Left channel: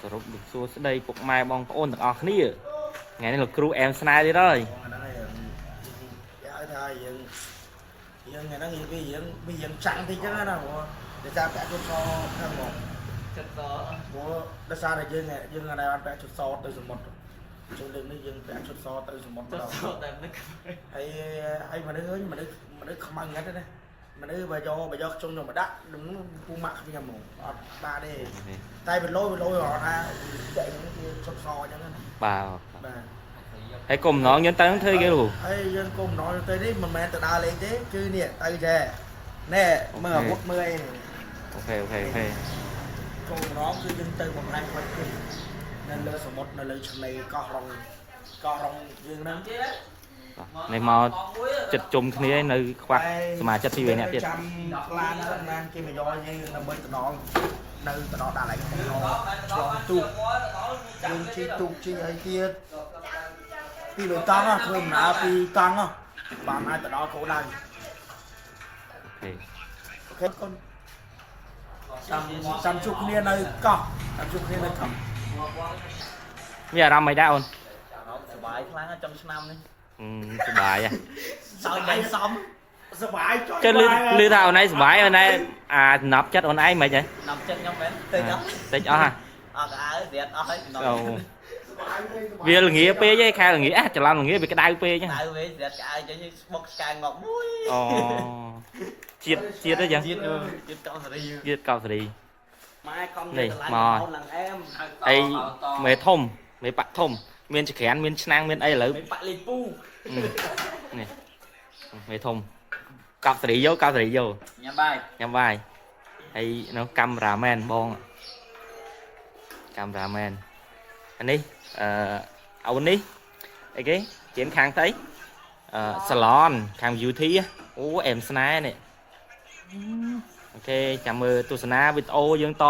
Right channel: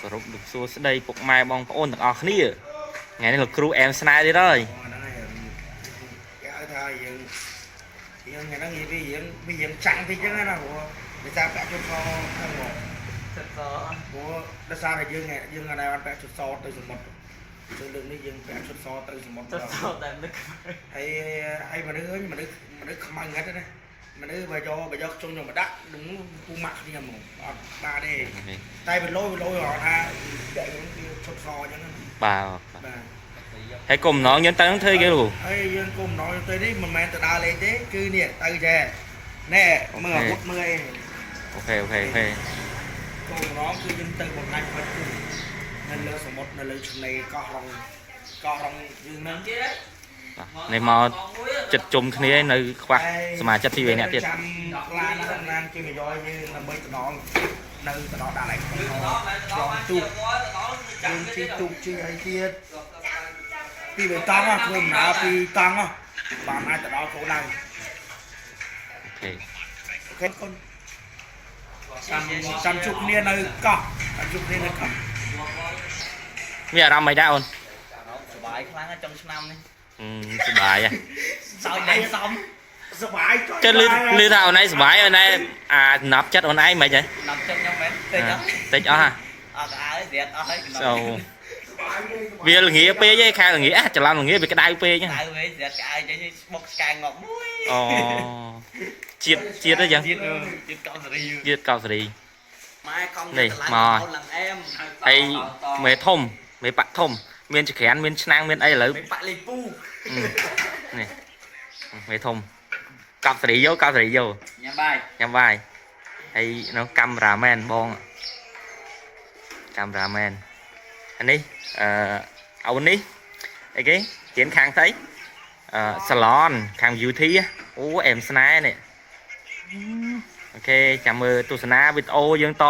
គោរពលោកសួស្ដីពុកម៉ែបងប្អូនទាំងអស់គ្នាថ្ងៃនេះលោកគ្រូអែមស្នេហ៍ទៀតហើយគេឲ្យថាយើងថ្ងៃហ្នឹងយើងចាំងតិចចឹងណាព្រោះដោយសារពាក់ជុតសហ្នឹងមកជុតសព្រោះដោយសារតែយើងអត់ដែរបានពាក់ជុតសទៅសមុទ្រយើងលើកនេះយើងពាក់ជុតសទៅសមុទ្រដល់ហើយមនុស្សខ្មៅងាត់ណាមនុស្សបើយកជុំយកមកដាក់នឹងពូម៉ាក់គ្នាហ្មងអត់បានទេតែវាលយរហថាតែយើងវាជុតសអញ្ចឹងណាបាទហើយកុំណងយើងទៅធ្វើគេលោកហើយយើងកុំណងទៅនេះមិនមែនទៅដើរលេងទេគឺនេះទៅចេះណែមើលអាវុធមើលអីអូខេកុំណងគឺយើងទៅបង្ហាញបាច់គុំនៅលើសមុទ្រនៅលើឆ្នេរកោះរងយើងហ្នឹងនេះមកចិត្តជុំគ្នានៅខ្វះសមាជិកពីរនាក់ទៀតចាំឡានសំណាងគេមកយកយើងដើម្បីទៅដល់នៅទៅដល់ដាក់ឡើងក្នុងឡងទូកយើងជិះទូកជិះអីទៀតពីបៃតងធ្វើដំណើរពីតង់បានអាចទៅដល់គោលដៅអូខេកូនចាំជួបគ្នានៅកោះមានអារម្មណ៍មិនដែរអូនសប្បាយខ្លាំងចុងឆ្នាំនេះសប្បាយសោយដៃសំសប្បាយចុះលឺថាអូនឯងសប្បាយអូនឯងអាដំណាប់ចិត្តអូនឯងមិនហីដំណាប់ចិត្តខ្ញុំមែនតិចអស់ហ่ะអត់ហើយរៀនអស់ហើយអូវាល្ងាពេកឯងខែល្ងាច្រឡំល្ងាវាក្តៅពេកក្តៅពេករៀនក្តៅចេញបុកស្កាងងប់មួយអូជាតិអីចឹងជាតិកោសេរីម៉ែកំនេះមកអីមេធំមេបាក់ធំមានចក្រានមានឆ្នាំងមានអីឥឡូវមេបាក់លេងពូនេះមេធំកោបសេរីយកញ៉ាំបាយហើយនៅកាមេរ៉ាមែនបងកាមេរ៉ាមែនអានេះអូននេះអីគេទៀនខាងស្អីសាឡនខាង beauty អូអែមស្នេហ៍នេះអូខេចាំមើលទស្សនាវីដេអូយើងត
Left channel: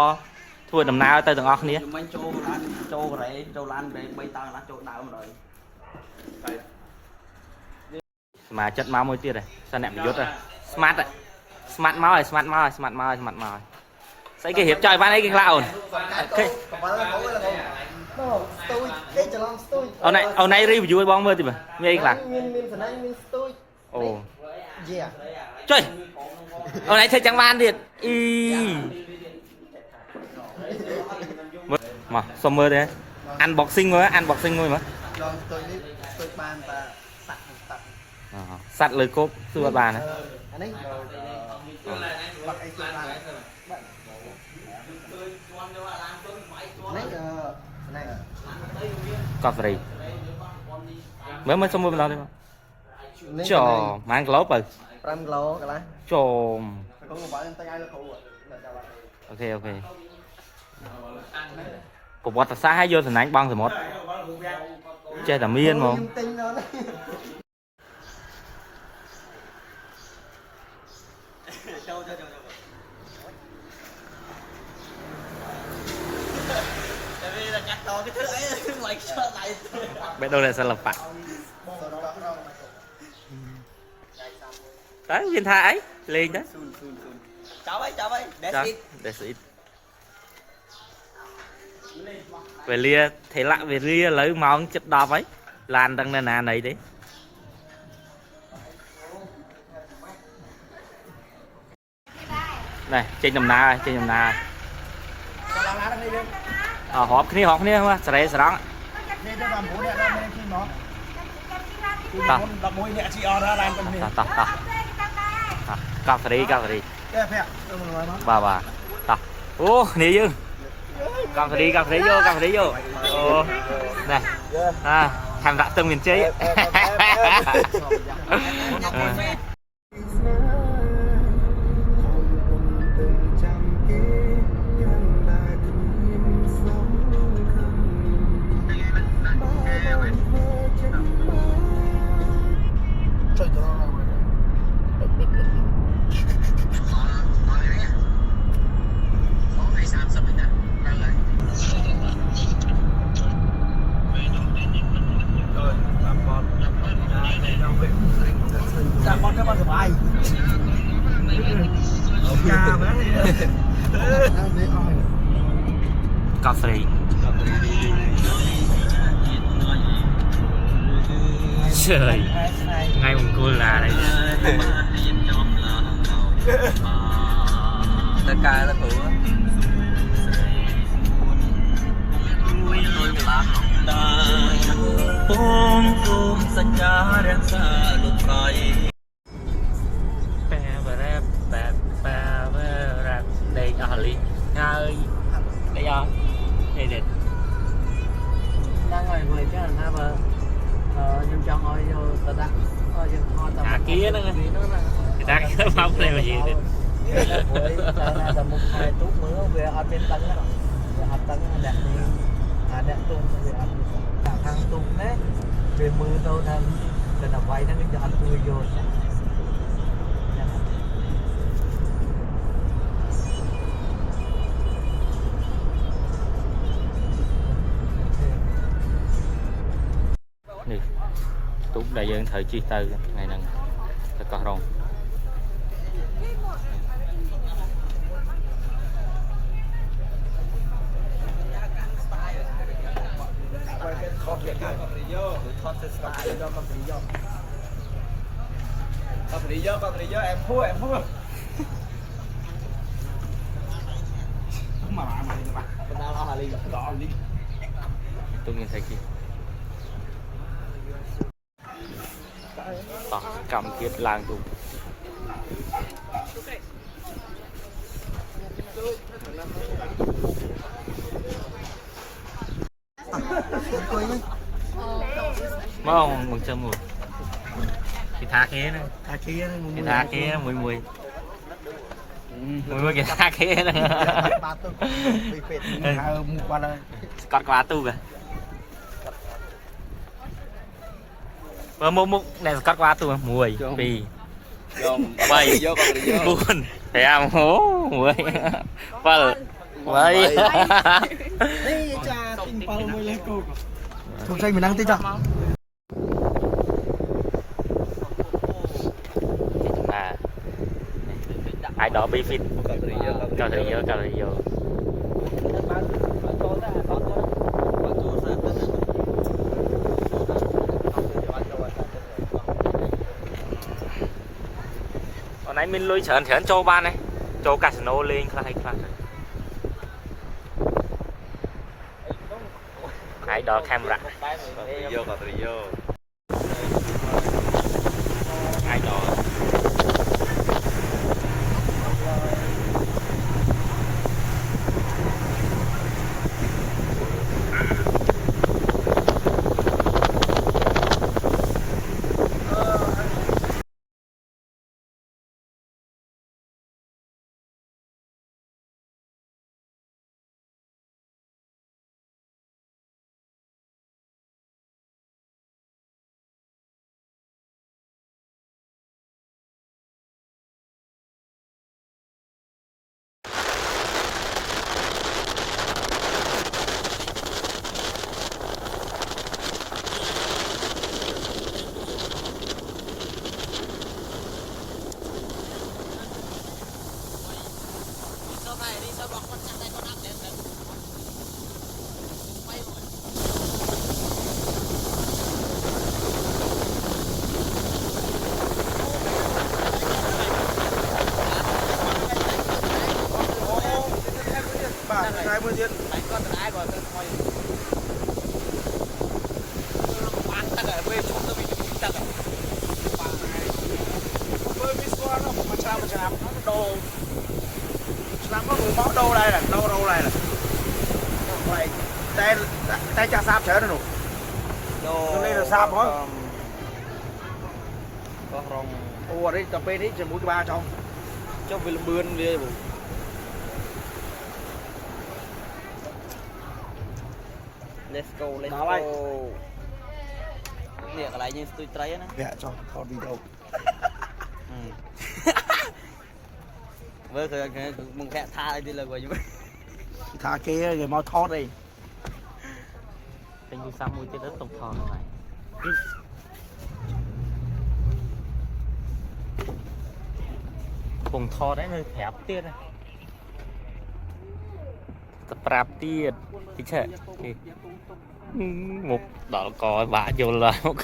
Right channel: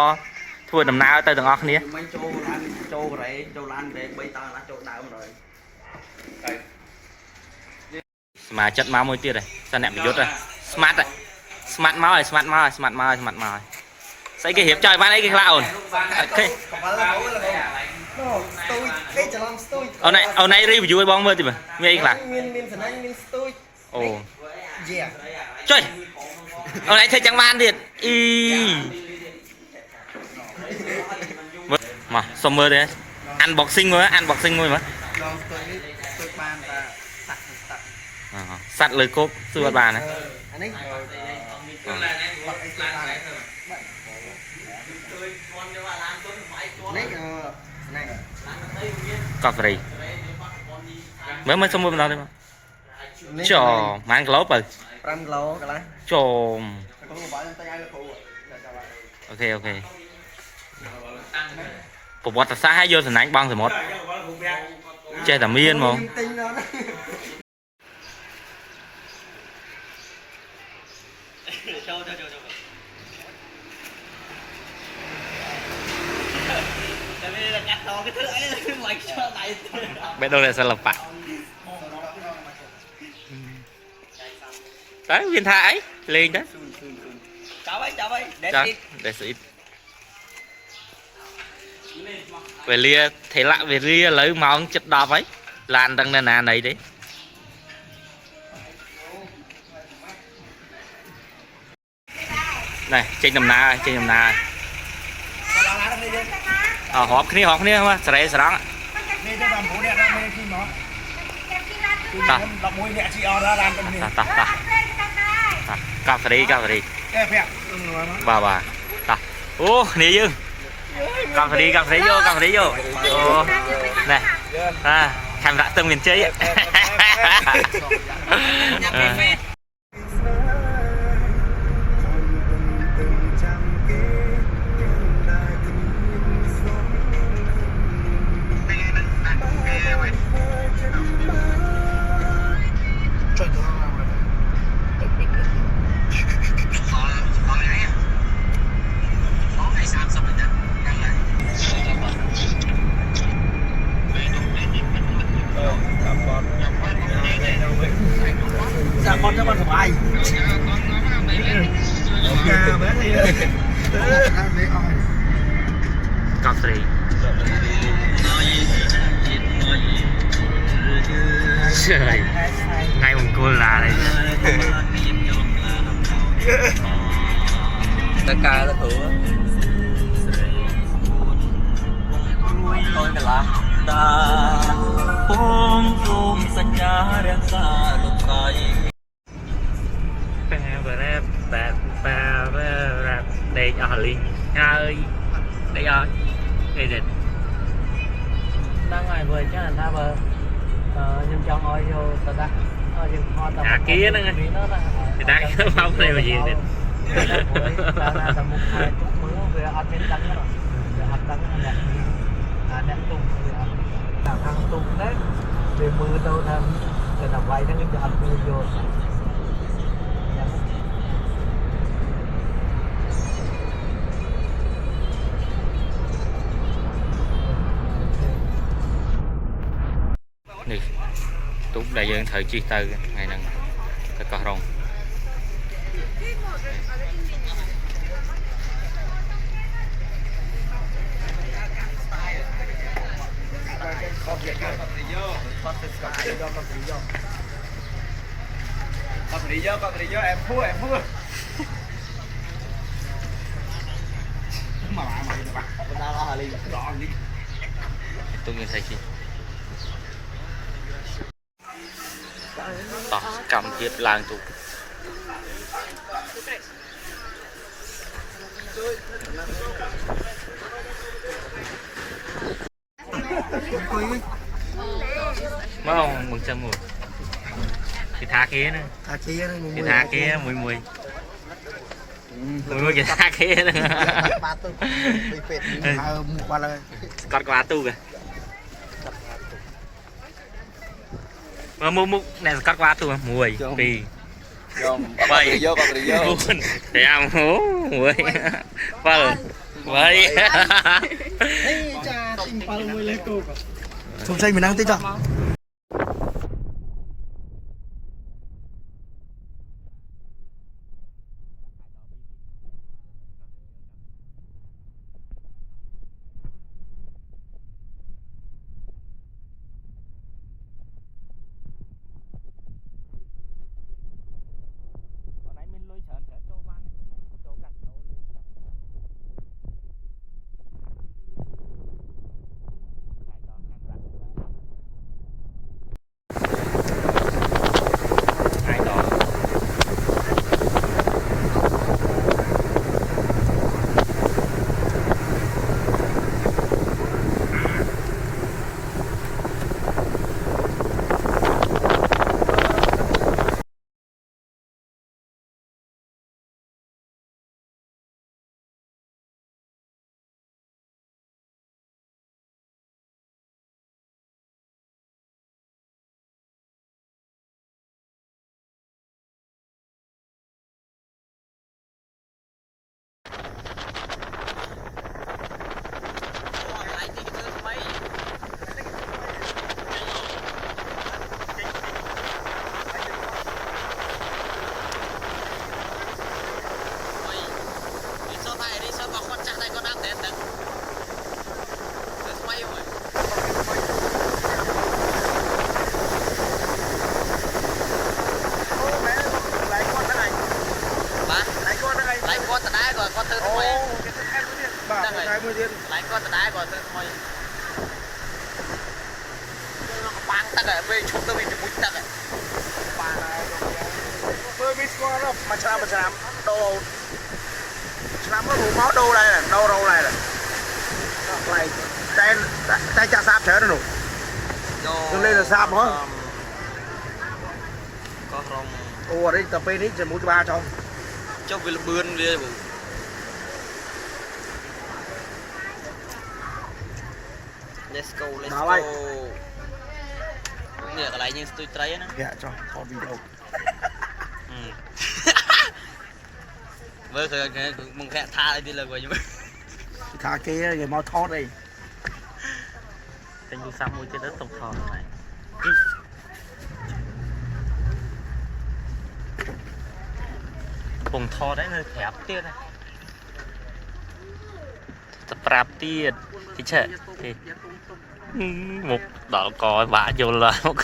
ធ្វើដំណើរទៅទាំងអស់គ្នាមិនចូលឡាន3តាំងឡានចូលដើមrồi សមាជិកមកមួយទៀតហើយសិនអ្នកប្រយុទ្ធហើយស្មាត់មកហើយស្មាត់មកស្អីគេរៀបចំបានអីគេខ្លះអូនអូខេស្ទូចគេច្រឡំស្ទូចអូនឯង review ឲ្យបងមើលតិចមើលមានអីខ្លះមានសណាញ់មានស្ទូចអូយេចុយអូនឯងធ្វើចឹងបានទៀតអ៊ីមកសុំមើលទេ unboxing មួយមើលឡងស្ទូចនេះស្ទូចបានតែសัตว์លើគប់សួរអត់បានណាអានេះបាត់អីស្ទូចបាននេះណែកោះសេរីមើលសុំមើលម្ដងទេមកចោម៉ានគីឡូបើ5គីឡូកន្លះចោកូនបងខ្ញុំតែឲ្យលោកគ្រូអូខេប្រវត្តិសាស្ត្រឲ្យយកសំណាញ់បងសមុទ្រចេះតែមានហ្មងចូលតែវាកាត់តគេធ្វើអីមិនខ្ជិលដៃបេះដូងអ្នកសិល្បៈតែវាថាអីលេងទៅចាប់ហើយ That's it វេលាថេលៈវេលាឥឡូវម៉ោង 7:10 ហើយឡានដឹងនៅណាណីទេនេះចេញដំណើររាប់គ្នាមកសេរីស្រង់នេះទៅ9នាក់ដល់មេជីមក11នាក់ជីអត់ដល់ឡានទៅនេះតកោបសេរីគេប្រាក់បាទតអូគ្នាយើងកោបសេរីយកអូនេះខេមរៈទឹងមានជ័យកោះសេរី trời ngay một cô là đấy tất cả là thử đây ở Ly ơi đây rồi đây đây đang ngoài người chứ là tha bờ nhưng trong ơi vô tao đắt kia đó nghe người ta không này mà gì đấy tầm một hai phút nữa về ăn bên tấn rồi ăn tấn đẹp đẹp tung về ăn thằng tung đấy về mưa đâu thằng rồi là vay nó cho ăn mưa vô nè túc đại dương thời chi từ ngày nâng thật có rong Con đi vô em thua mà mày bắt tao lo đi rõ đi tôi nhìn thấy chi tỏ cầm tiếp làng tụ mau mừng cho mùi cái thác kia nữa cái thác kia mùi mùi mùi cái thác kia nữa con quá tu kìa mà múc này cắt quá tu mùi vì bay buồn thấy ăn hố mùi vâng vậy không say mình đang tích rồi ai đó bị phít cao thời vô còn nãy mình lôi chởn cho ban này cho casino lên khai ai đó camera ai đó cái mươi tiền lại con đá rồi tôi thôi bán tắc rồi về chúng tôi bị chụp tắc rồi mới biết qua nó mà chạm đồ làm cái món đồ đây là đâu này nè này tay cha sáp trở nó đủ tôi lên là sáp hả có rong ủa đấy tập bên đấy sẽ mua cho ba cho về bươn đi bụng let's go nè cái này như tôi thấy nó dạ cho con video với cái mong vẽ tha đi là gọi như thả kia rồi mau thoát đi tên du sam môi cái đất tổng thòn này vùng thò đấy nơi thẹp tiết này tập rạp tiết thì chạy thì một đỏ cò bả vô là một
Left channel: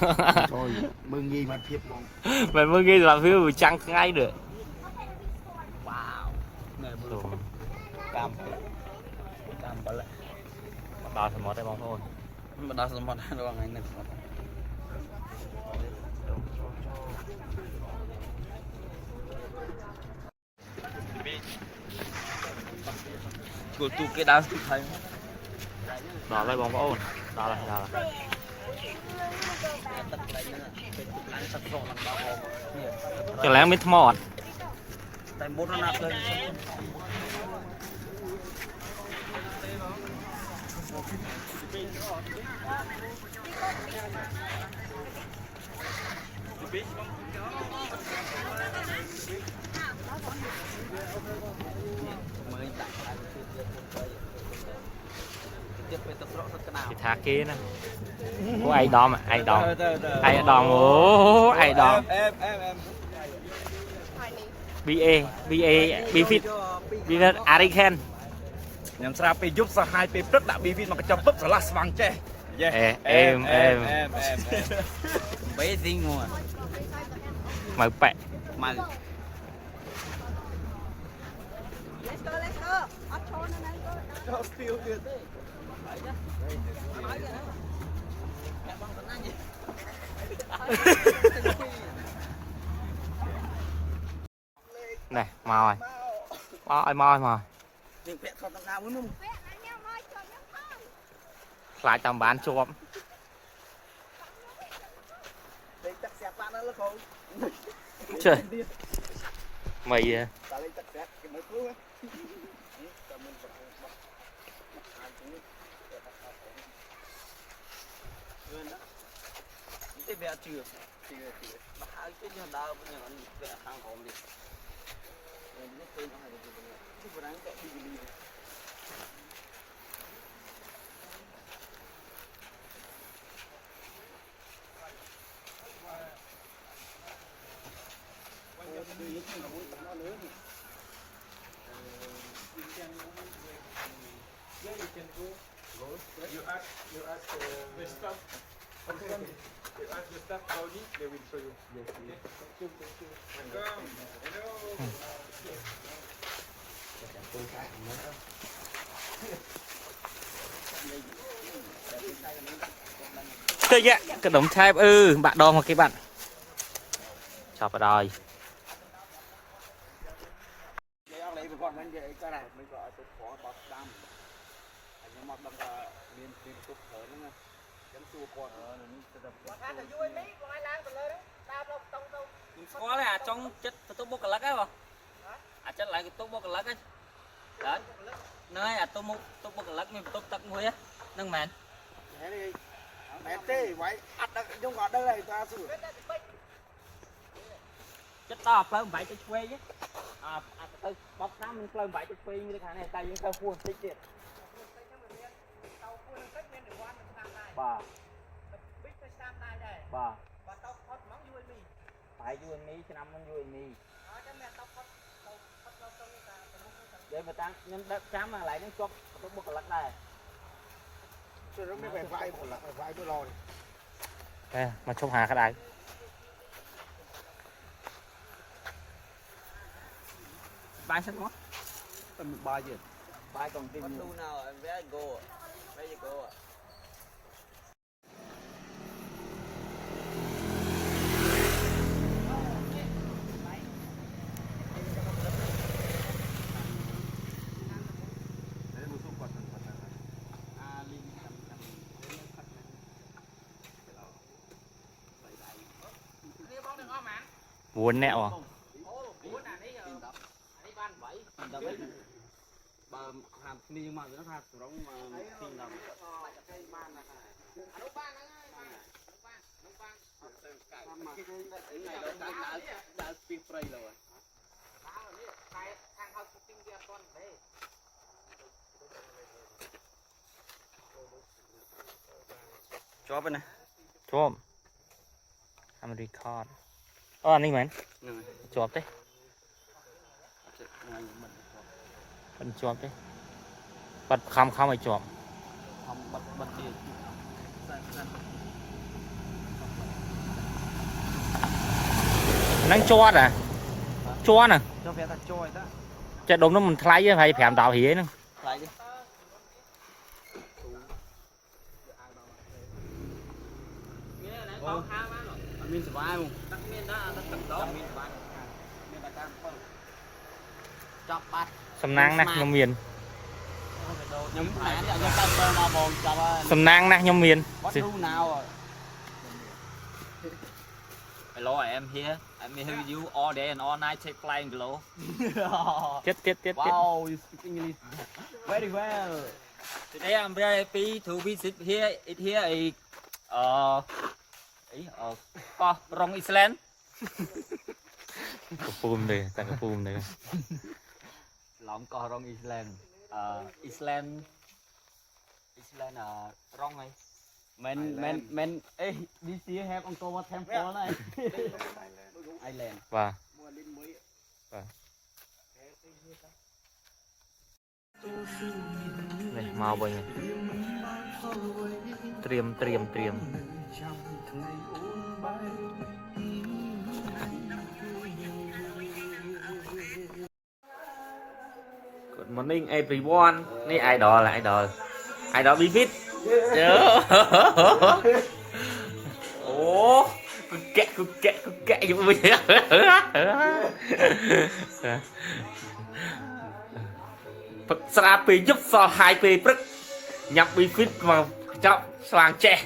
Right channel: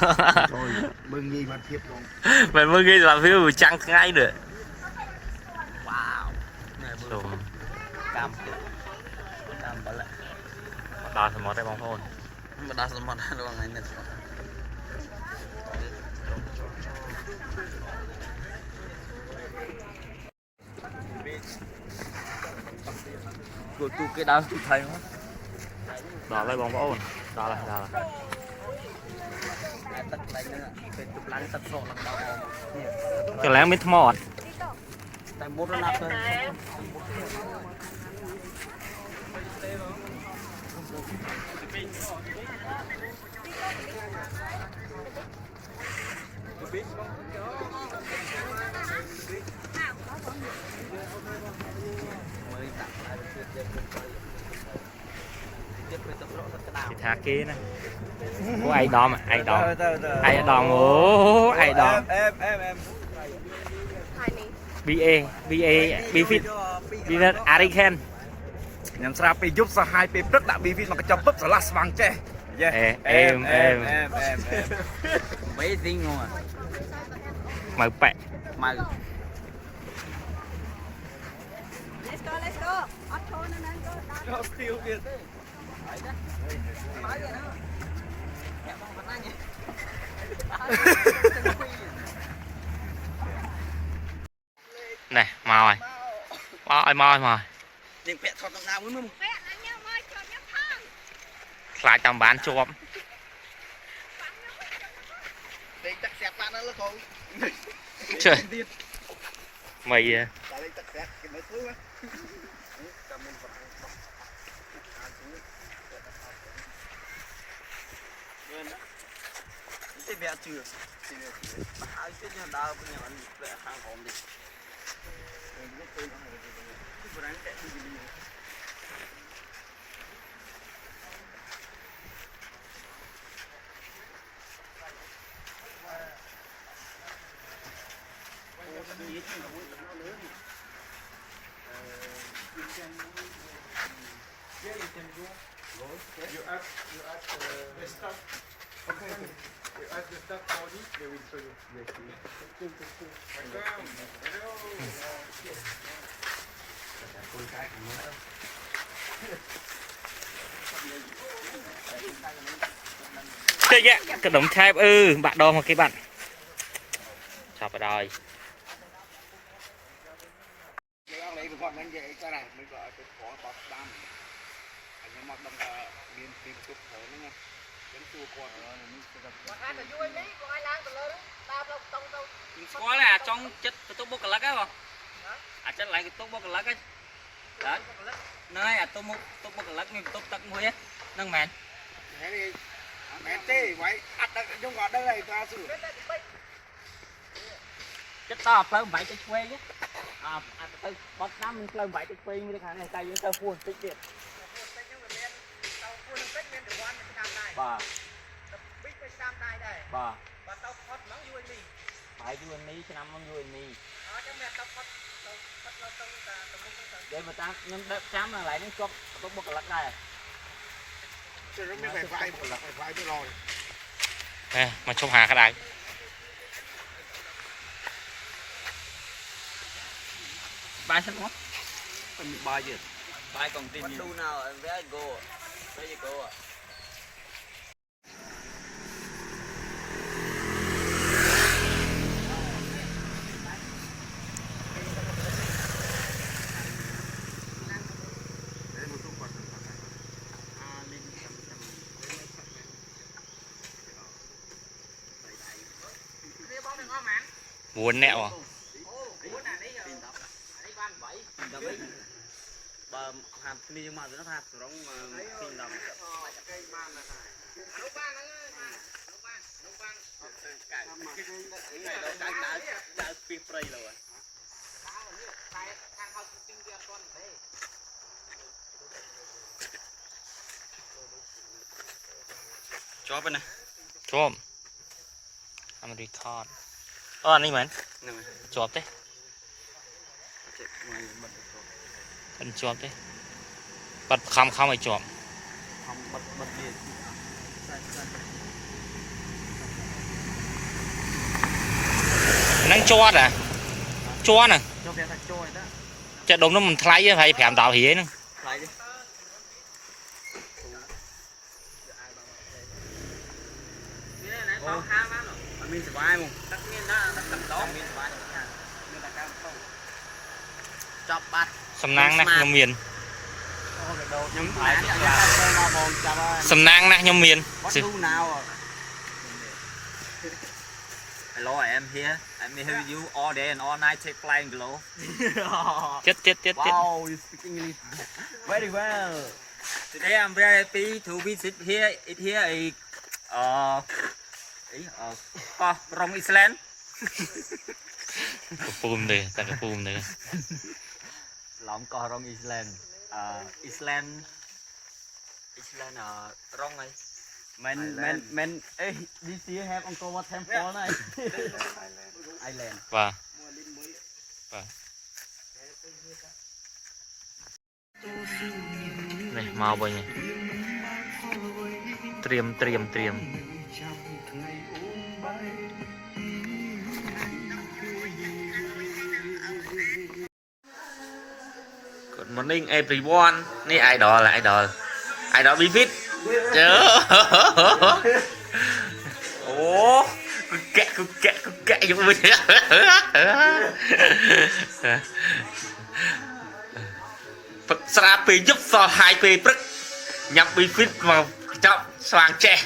rồi mừng gì mà thiệp bóng mày mới ghi là phiếu vừa trăng ngay được chùm cam bả lại đo sớm đây bóng thôi mà đa số món ăn này nè tụi cái đau tụi thầy đo đây bóng ổn đo là cho lẽ mới mọt tại bố nó nạp thôi thì thả kia này có ai đo mà ai đo ai đo em bifit ariken ខ្ញុំស្រាប់ពេលយប់សហាយពេលព្រឹកដាក់ BV មកកញ្ចប់ពឹបស្រឡះស្វាំងចេះ em mấy tiếng ngon à mời bẹ mày này màu rồi màu tiếng vẽ thọt nào muốn không lại tầm bán chụp đây chắc xẹt bạn nó không trời mày tại đây chắc xẹt cái mấy thứ á cái vẽ chưa hai cái nhà đào bây giờ anh vẽ hàng hòm đi nó tên nó hay là cái bữa chạy đi chơi vậy cái đống chai bạn đo một cái bạn chọc vào đòi lấy cái con bánh vậy cái này mới gọi cái khó bọt đam anh em mặc đồng là miền miền tục thở nữa nha cái chua con ở nó có là trong chất cái tốt bốc lắc á không chất lại cái tốt bốc lắc ấy đó nơi tốt bốc lắc mình tốt tắc muối á nâng mèn thế đi mẹ tê vậy ăn được trong gọt đây này ta sửa chất to phơm vậy cho quê chứ bóc năm mình phơm vậy cho quê như thế này tay chúng ta phun tích điện bà phải vui mi cho năm vui mi để mà ta nhưng đẹp chám mà lại nó chốt tốt bốc lắc đây nó mới phải vai tôi rồi nè mà chốt hà cái này bài sách quá bài gì bài còn tin gì nào em vẽ go vẽ gì go à buồn nẹo à bà hạt ni mà nó hạt rong xin đồng chó bên này chôm I'm record anh đi mình chộp thế mình chộp thế bật không phải chộp không bật gì năng cho à cho nè cho bé ta trôi đó chợ đông nó mình thay phải phèm tạo hỉ nữa thay đi mình sẽ vai không chọc bát sầm nang nè nhom miền nhắm phải mà bồn chọc sầm nang nè nhom miền bắt đu nào Hello, I am here. I'm here with you all day and all night. Take flying below. chết Wow, you speak English very well. Today I'm very happy to visit here. It here is from Iceland. phùm đây ta cái phùm đây Lỏng cò from Iceland. Iceland wrong ấy. Men this year have Angkor Wat temple này. Iceland. và này mau bao nhiêu triềm Good morning everyone. Này idol là idol Bifit. Chớ. Ồ, cứ kẹ giống mình. Phật sra pì giúp so hai pì prức nhập Bifit mà chọn xoàng trẻ.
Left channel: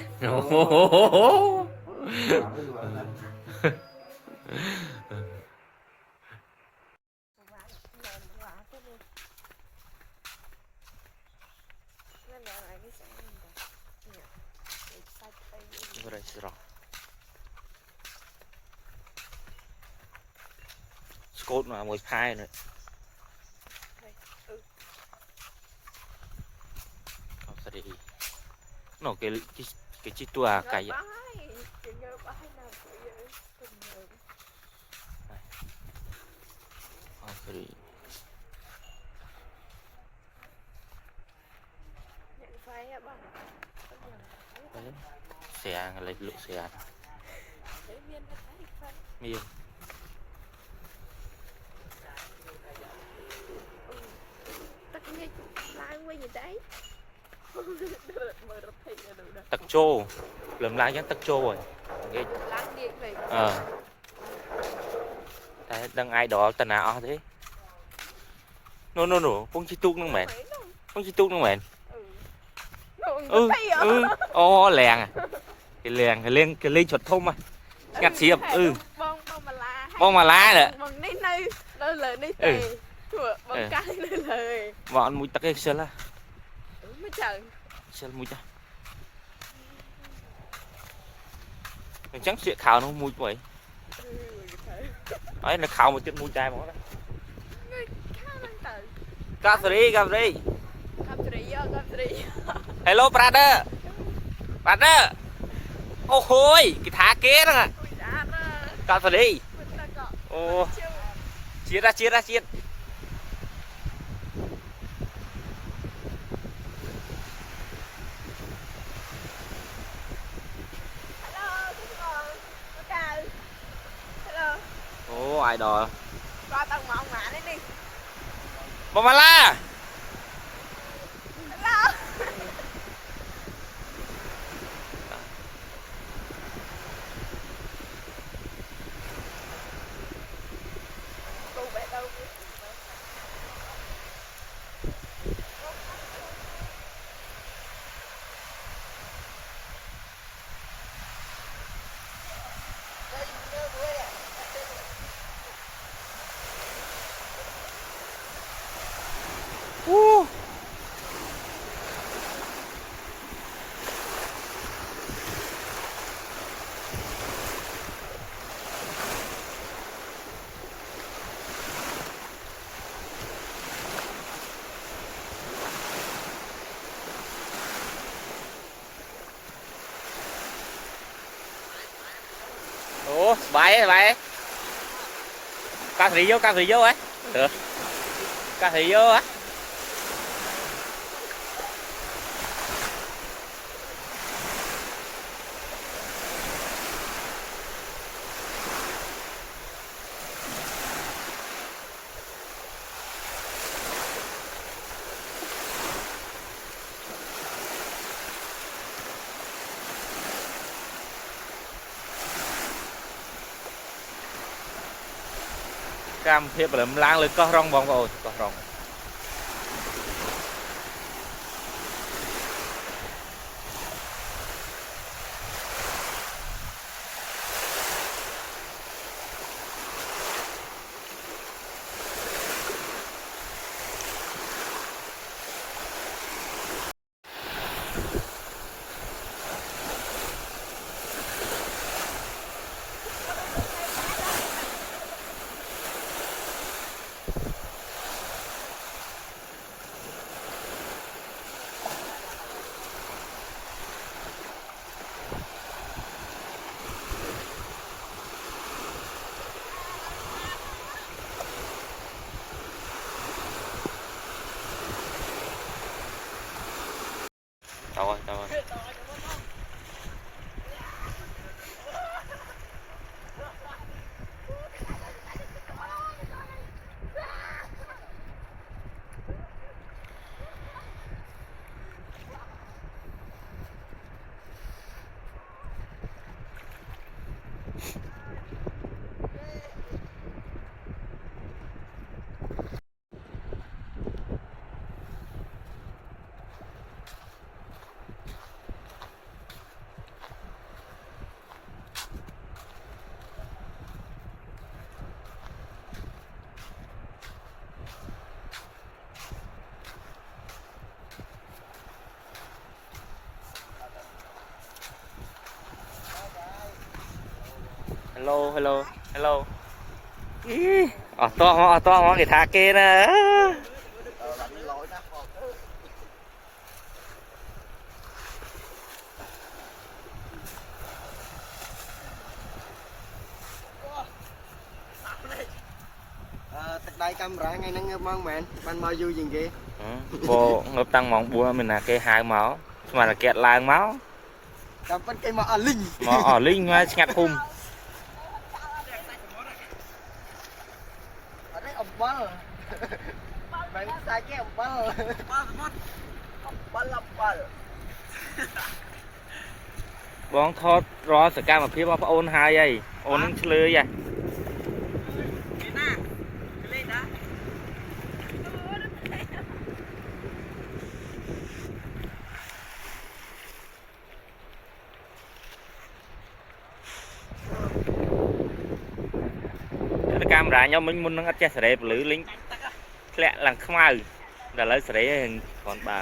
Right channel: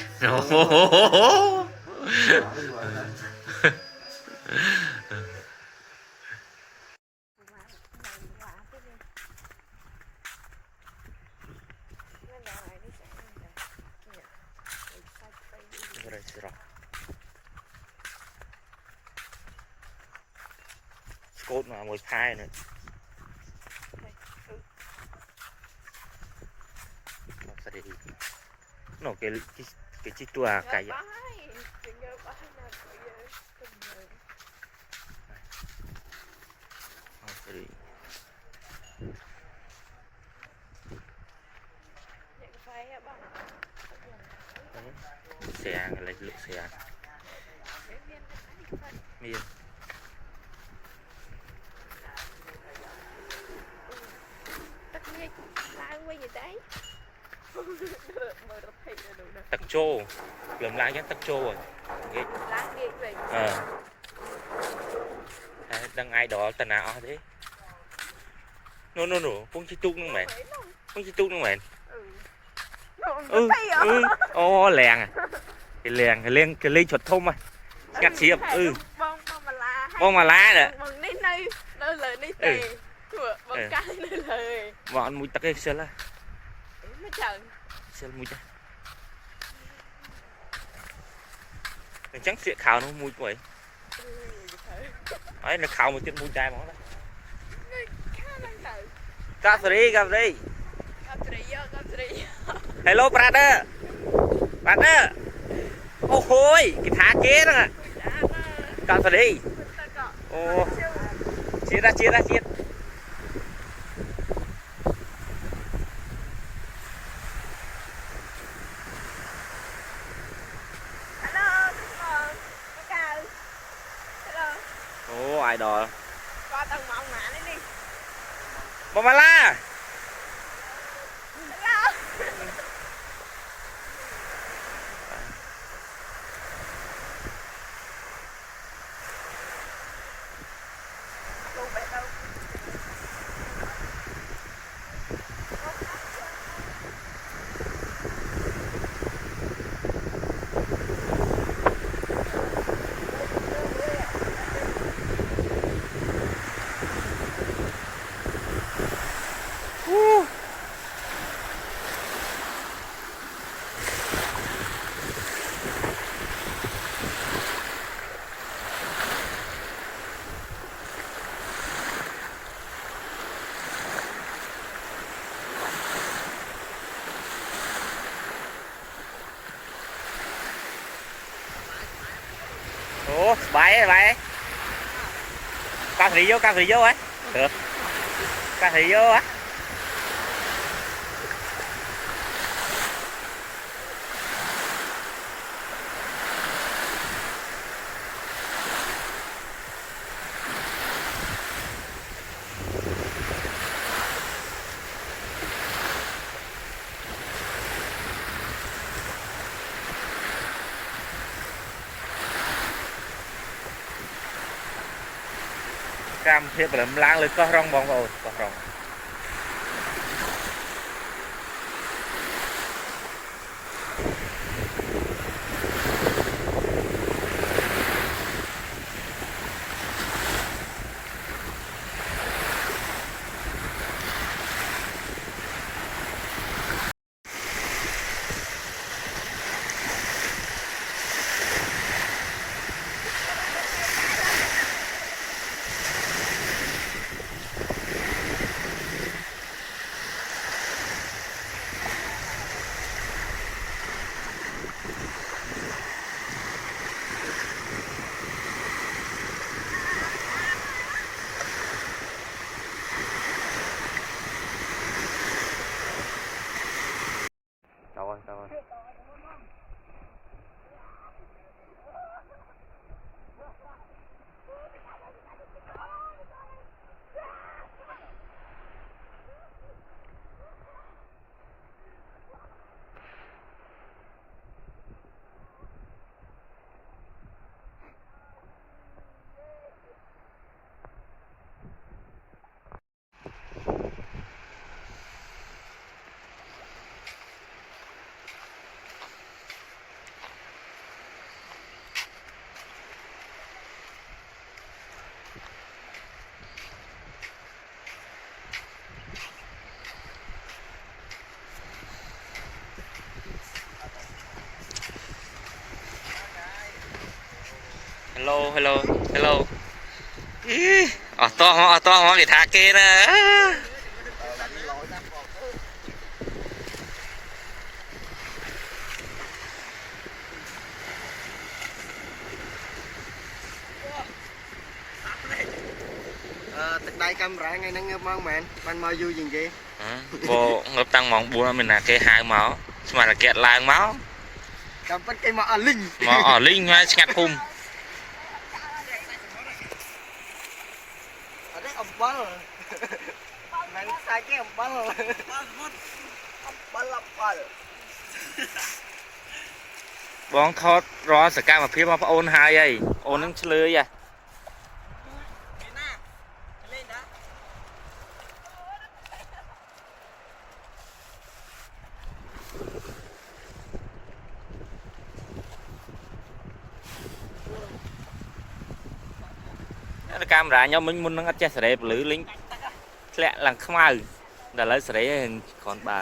Cốt mà một hai nữa nó cái chi tua cày xe lấy lụa xe miên tắc trô lượm lại nhá tắc trô rồi đang ai đó tần nào thế no phong chi tuốt nó mệt ô lèng à cái lên chuột thông à nhặt xiêm bông mà lá nữa bọn mũi tắc cái sơn là sơn mũi cha chắc sẽ khảo nó mũi vậy ấy là khảo một chút mũi trai mà cà phê hello brother ô hôi cái thá kế đó cà phê ô chia ra ai đò bông mà la ủa bài ca thị vô ấy được ca thị vô á cam phê bởi làm lang lên có rong bong rồi có rong tao ơi hello ở to cái thác kia nè Từ đây camera ngay nó ngập mong mẹ ban mau vui gì vậy bộ ngập tăng mong buồn mình là cái hai máu mà là kẹt lang máu cầm bắt cây mà ở linh mà ở linh ngay ngặt hum ở đây ẩm bơ mày sai cái ẩm bơ bơ បងថតរាល់សកម្មភាពរបស់ប្អូនហើយអីអូននឹងឆ្លើយហ៎កាមេរ៉ាខ្ញុំមិញមុននឹងអត់ចេះសេរីពលឺលេងធ្លាក់ឡើងខ្មៅដល់ឥឡូវសេរីហើយគ្រាន់បើ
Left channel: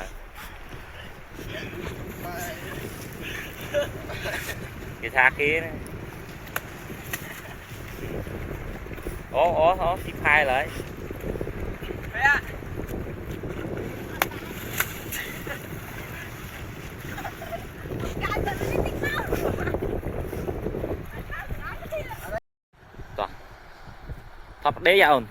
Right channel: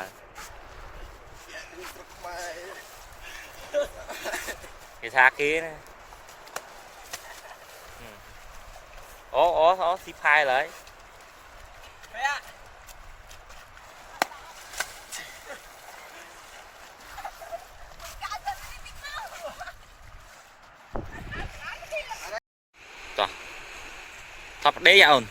គេថាគេណាអូស៊ីផាយឡើយតោះថប់ដេកអូន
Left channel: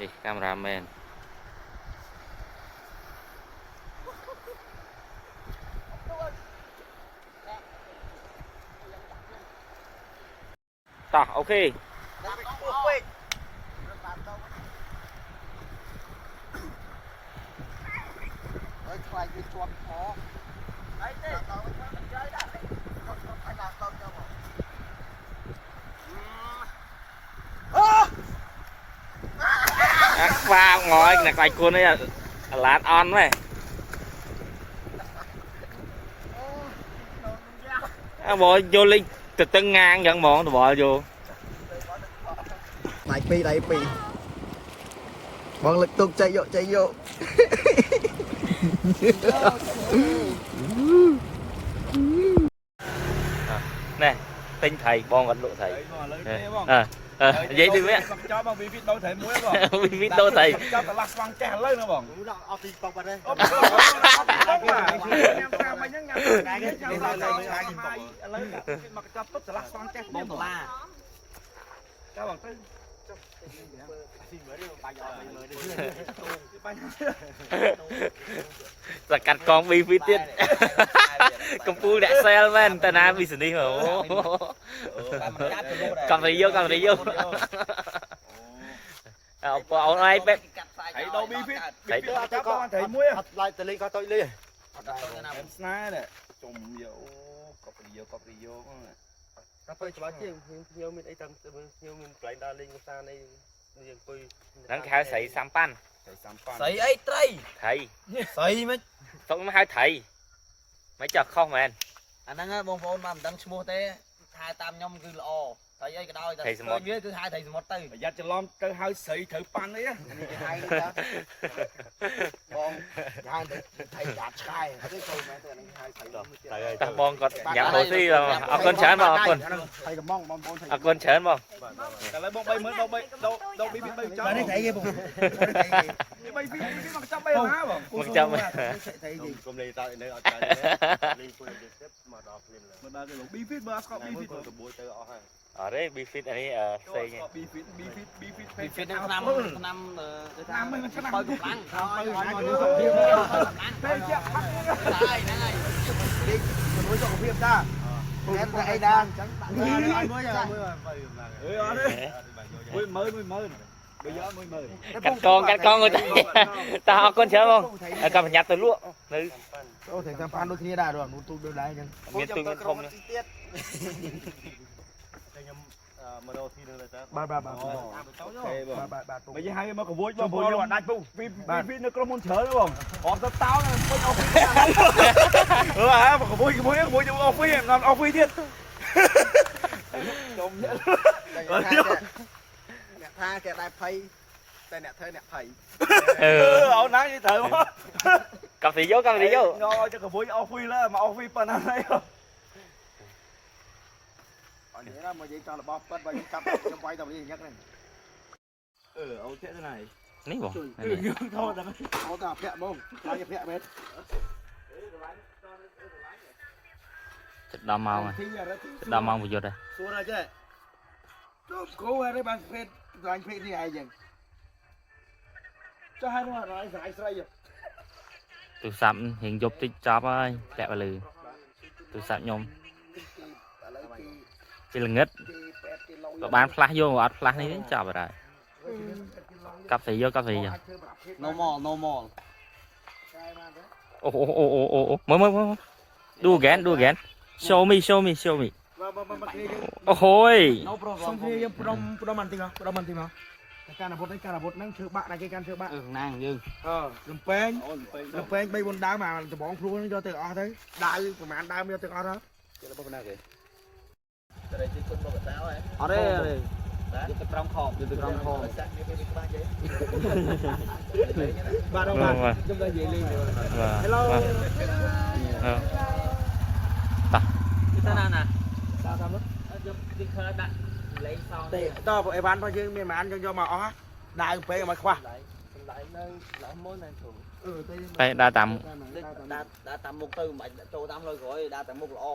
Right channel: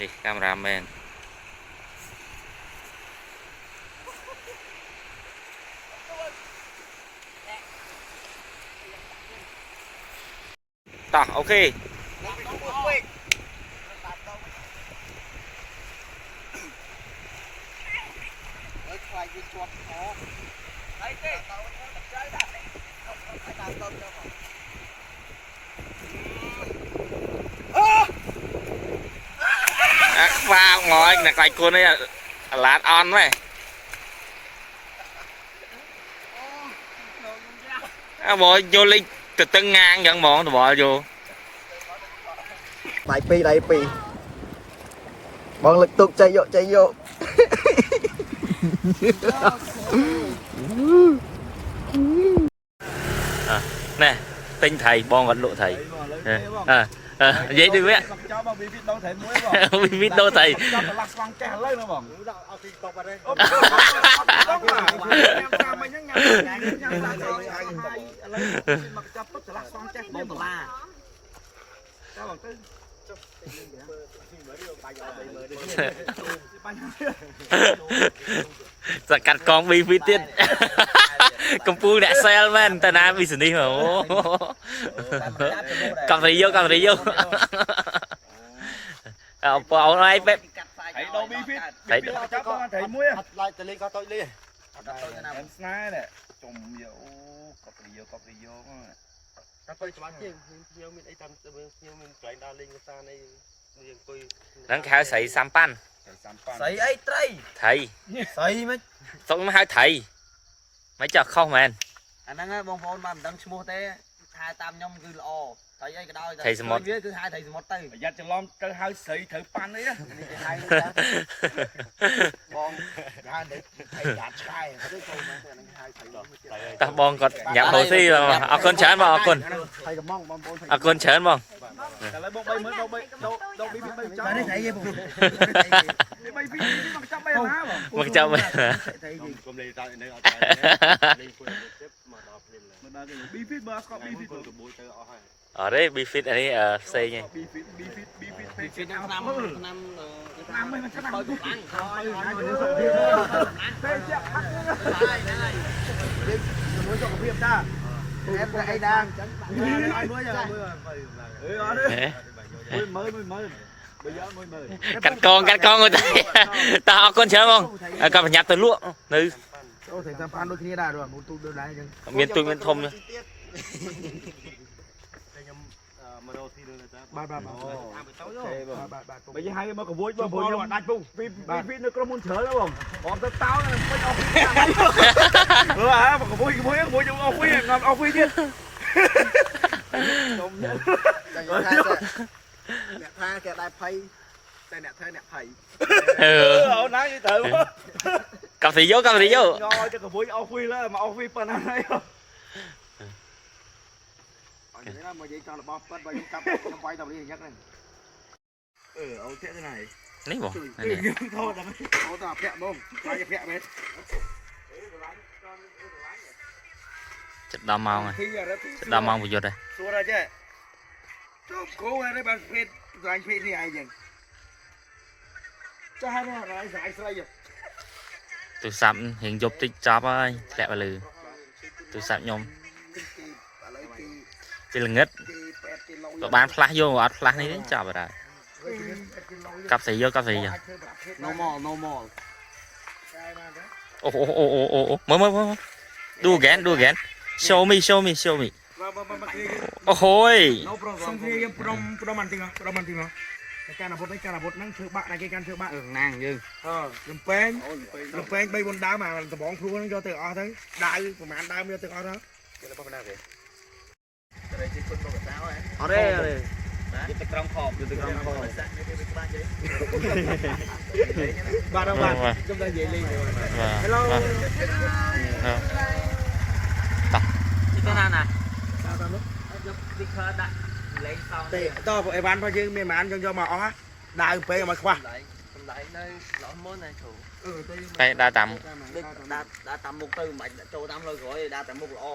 នេះកាមេរ៉ាមែនតោះអូខេខ្លាចវាជាប់ខអីទេខ្វាងងណាខ្លាចគុណនេះអាឡាតអន់ហ្នឹងអើបងយកលេងទៅតឹងងាងអញ្ចឹងហ្មងតបល់យកដៃពីរបងលើកទុកចៃយកណែទិញថៃបងអត់លក់ថៃនិយាយទៅវាចោលបងវីវីតដូរថៃមួយបងវីវីតដូរថៃចោលតឡាស់ស្វាងចេះឥឡូវណាបងអត់ពីកប់អត់ទេអូចាំមកញ៉ាំចាំហើយឥឡូវមកចប់ទុកតឡាស់ស្វាងចេះបងដុល្លារចោលបងទៅ สกัดกองบีฟิตติดกำปูแดดเซลแมนแต่น้ำบิสนี่เหรอกับอะไรเยอะเอาอะไรไป thấy đâu bi phít thấy chắc con thấy muối à lại từ lên có tôi đi em sná này trồng nhiều cọp đi vô cắt tôi cho bác chứ nhiều mình ấy tầm nhiều mình lại đa lên xa này nhiều coi นั่นแค่ใส่ซัมปัน sấy ấy trai ไทย sấy mấy ต้องมาให้ไทยไม่จะเข้าแมน anh đang bông phôn mà đang mua té hai tam nhom cứ lò thấy ấy cái đôi Thầy Smart. cứ hai thầy một tay giờ cho lon tới hơi sấy thử pan đấy á này cái hai nữa con hai thầy đạt sai cái câu mà hai thầy được ตาบองก็อยากโดซี่เอาคนเชิญมาเอาคน thầy cầm mong mong thầy เอาคนเชิญมา แต่ละบองbay mới đâu bi phít bay cho đấy thầy gì bông bay phít chứ mà chấp bay hả bông มึงจะไม่ thầy gì Hôm nay tao đây ở đây quên được tiếp mà đọc lên là mà bao giờ bi phít mà có bi phít từ bôi tới ở hai อ๋อได้บีฟิตอันนี้เซ่ไง bi phít Việt phết Nam năm năm năm mươi mình sẽ làm phê chưa này này nuôi cho phim ta em thấy đang ai mới giờ mới phải mới bây giờ mới กัดกองเลยตาเอาคนเชิญมั้งกับหยักตัวลวกนึก ô thầy tham phan đôi khi đã rồi một tụ đưa lại nhưng เมียนตุยเมียนทมเลย đây nhầm mà đâu thi được là ba ok bây giờ hai mà có vui mà vui nhưng đặt bung vì nó có muốn chở nữa không họp tao tao này phải ao phi hả mà có vui nhưng ao phi làm ao phi chứ nè tha kẹt đại phayแต่เนี่ยเธอเนี่ยไผ่ ao nãy như thử quá กับสีโยกับสีโย ngon cho có vui ao phi là mà ao phi phần này không còn vậy là mà vậy cho là bao bắt bao nhiêu cặp trong quay tàu đi nhắc này ao thế này นี่บอก thôi là nó tao phẹ bông quay phẹ bên จะดำเมาไงจะดำเมาประโยชน์เลย xua ra chứ cố ra đấy bạn phết rồi anh phết đi ai chẳng cho hai đứa lại giải xoay vậy ตัวซับเห็นยบติ๊กจับไอ้แหลกไปเลยตัวซับยมเป็นเงิดตัวบ้านพลาโยอัดพลานี่จับอะไรกับสีโยกับสีโย no more โอ้โหมาดูแกนshow meโอ้โห xong khi em prom ăn tiếng nó cái can bột năng thưa bạn này cái can thưa bạn nàng dư làm pen bay bồn đá mà từ bóng phu nó cho từ o thấy đá của mẹ ăn đá cho từ o đó ở đây vô từ trong khom ba đâu bạn chúng ta về đi hello kita nana tao vội bán bao nhiêu miền bán cho mà ó đá pe mà khoa lại nơi lỡ món này thủ ไปดาตาม đã tầm một từ mạnh châu tam rồi rồi đã tầm một lọ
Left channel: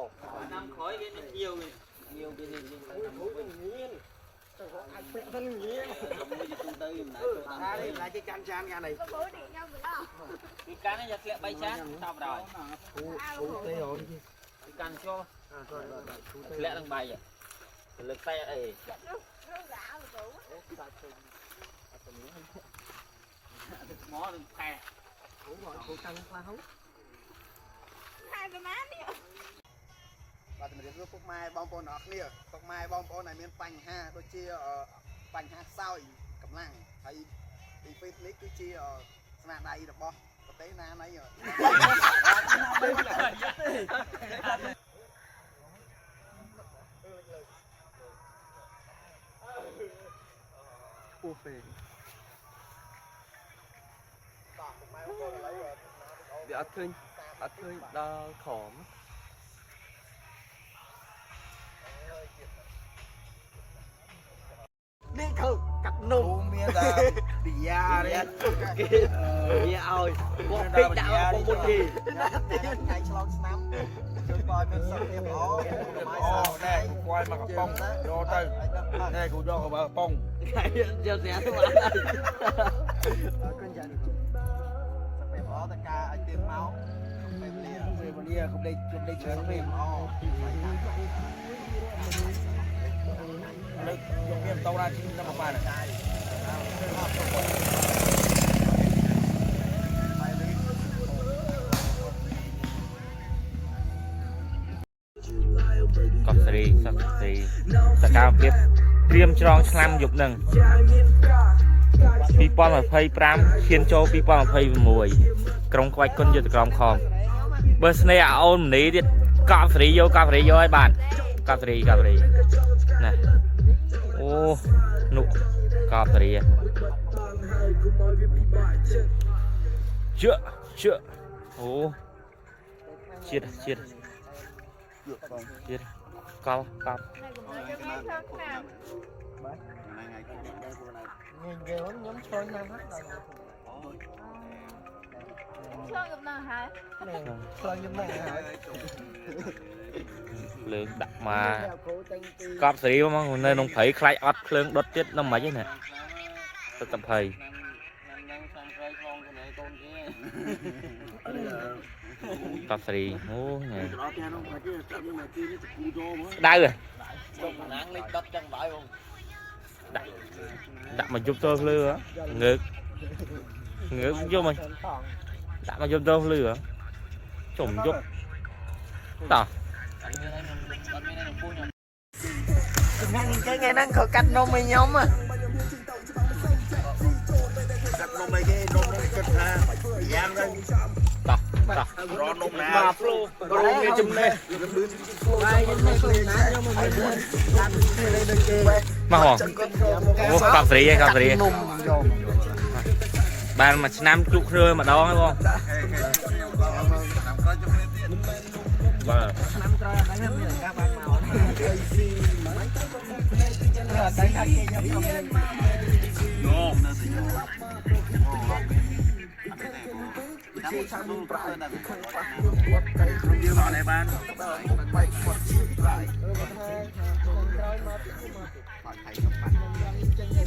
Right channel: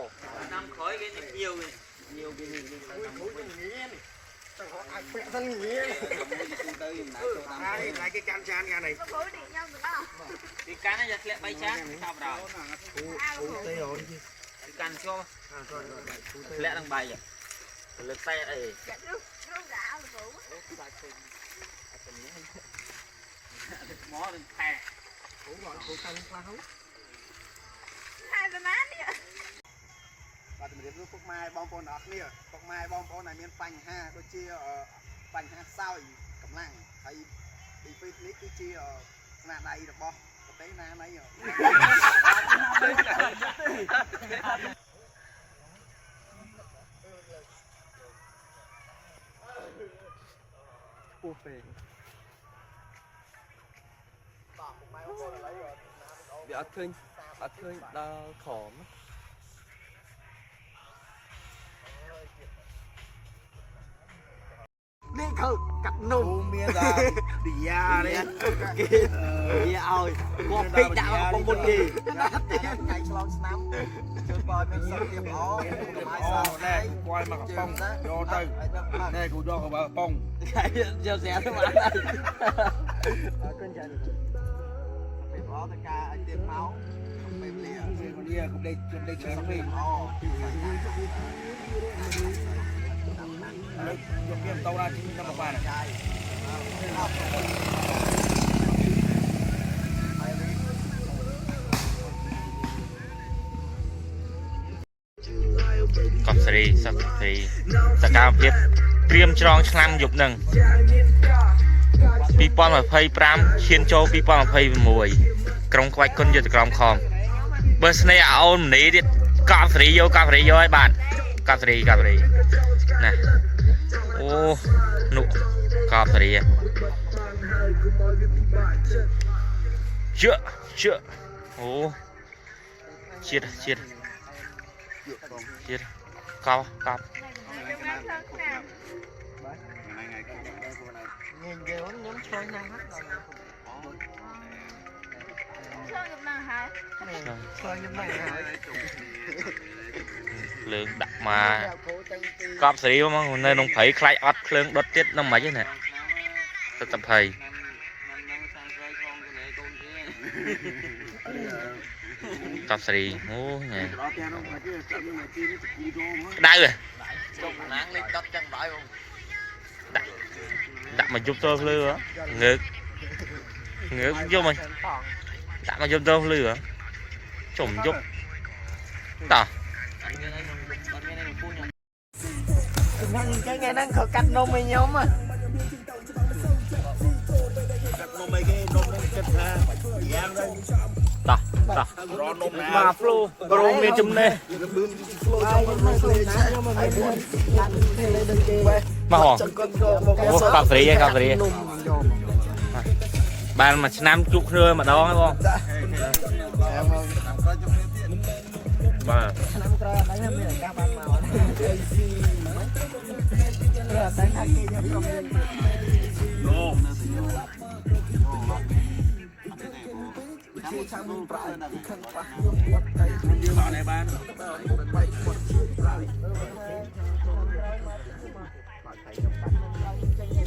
năm khói cái nhiều cái lại cái can chan nhà này cái can này sẽ bay chán sao rồi cái can cho lẽ đang bay vậy lực tay ấy mó đừng thè và mình đến lúc mai bom bồn ở kia mai bom bồn này miền Pành ha đôi chia Pành ha sao cầm lăng hay đi phê nít đôi chia là đây được bom có té na nấy rồi để ăn thơi đa khóm đi thử cặp nụ miền ra đi ra đấy đi ơi có biết đạo có một gì đây quay mà cặp bông vô từ đây cô cho bà bông giờ rẻ thôi mà con chân phải bỏ tất cả tiền máu về mà đi không đây chờ nó đi nó dùng game tàu ra chính năm một ba này cọp sri sắc thìสกาวเพียบเตรียมจรองឆ្លាំយុបនឹង2025ឈានចូល2026ក្រុងក្បាច់គុណយុទ្ធក្រមខំបើស្នេហ៍អូនម្នីទៀតកប់សេរីយកឲ្យបាត់កប់សេរីណាអូនុកប់សេរីជឿអូជាតិកប់ nhìn về lắm nhóm chơi nhanh lắm chơi giùm nào hả chơi như này hả ភ្លើងដាក់មកកប់សេរីមកនៅក្នុងព្រៃខ្លាចអត់ភ្លើងដុតទៀតដល់មិនហ្នឹងណាទៅតែភ័យកប់សេរីអូញ៉ែដៅដាក់មកយប់ទៅភ្លឺងើកយកមកដាក់មកយប់ទៅភ្លឺចំយប់តោះ cái ngày đang khởi cắt nôm mày nhóm à cắt nôm mấy cái nôm cắt ra giang đây តោះ mà fluក្រុមនេះជំនេះ ai cái này không nát nhưng mà mình làm cái này được kì មកហ៎អូកប់សេរីបានមួយឆ្នាំជុកគ្នាម្ដងហ៎បងបាទ năm rồi đánh em liền các bạn màu đánh hai kia như bọn này ban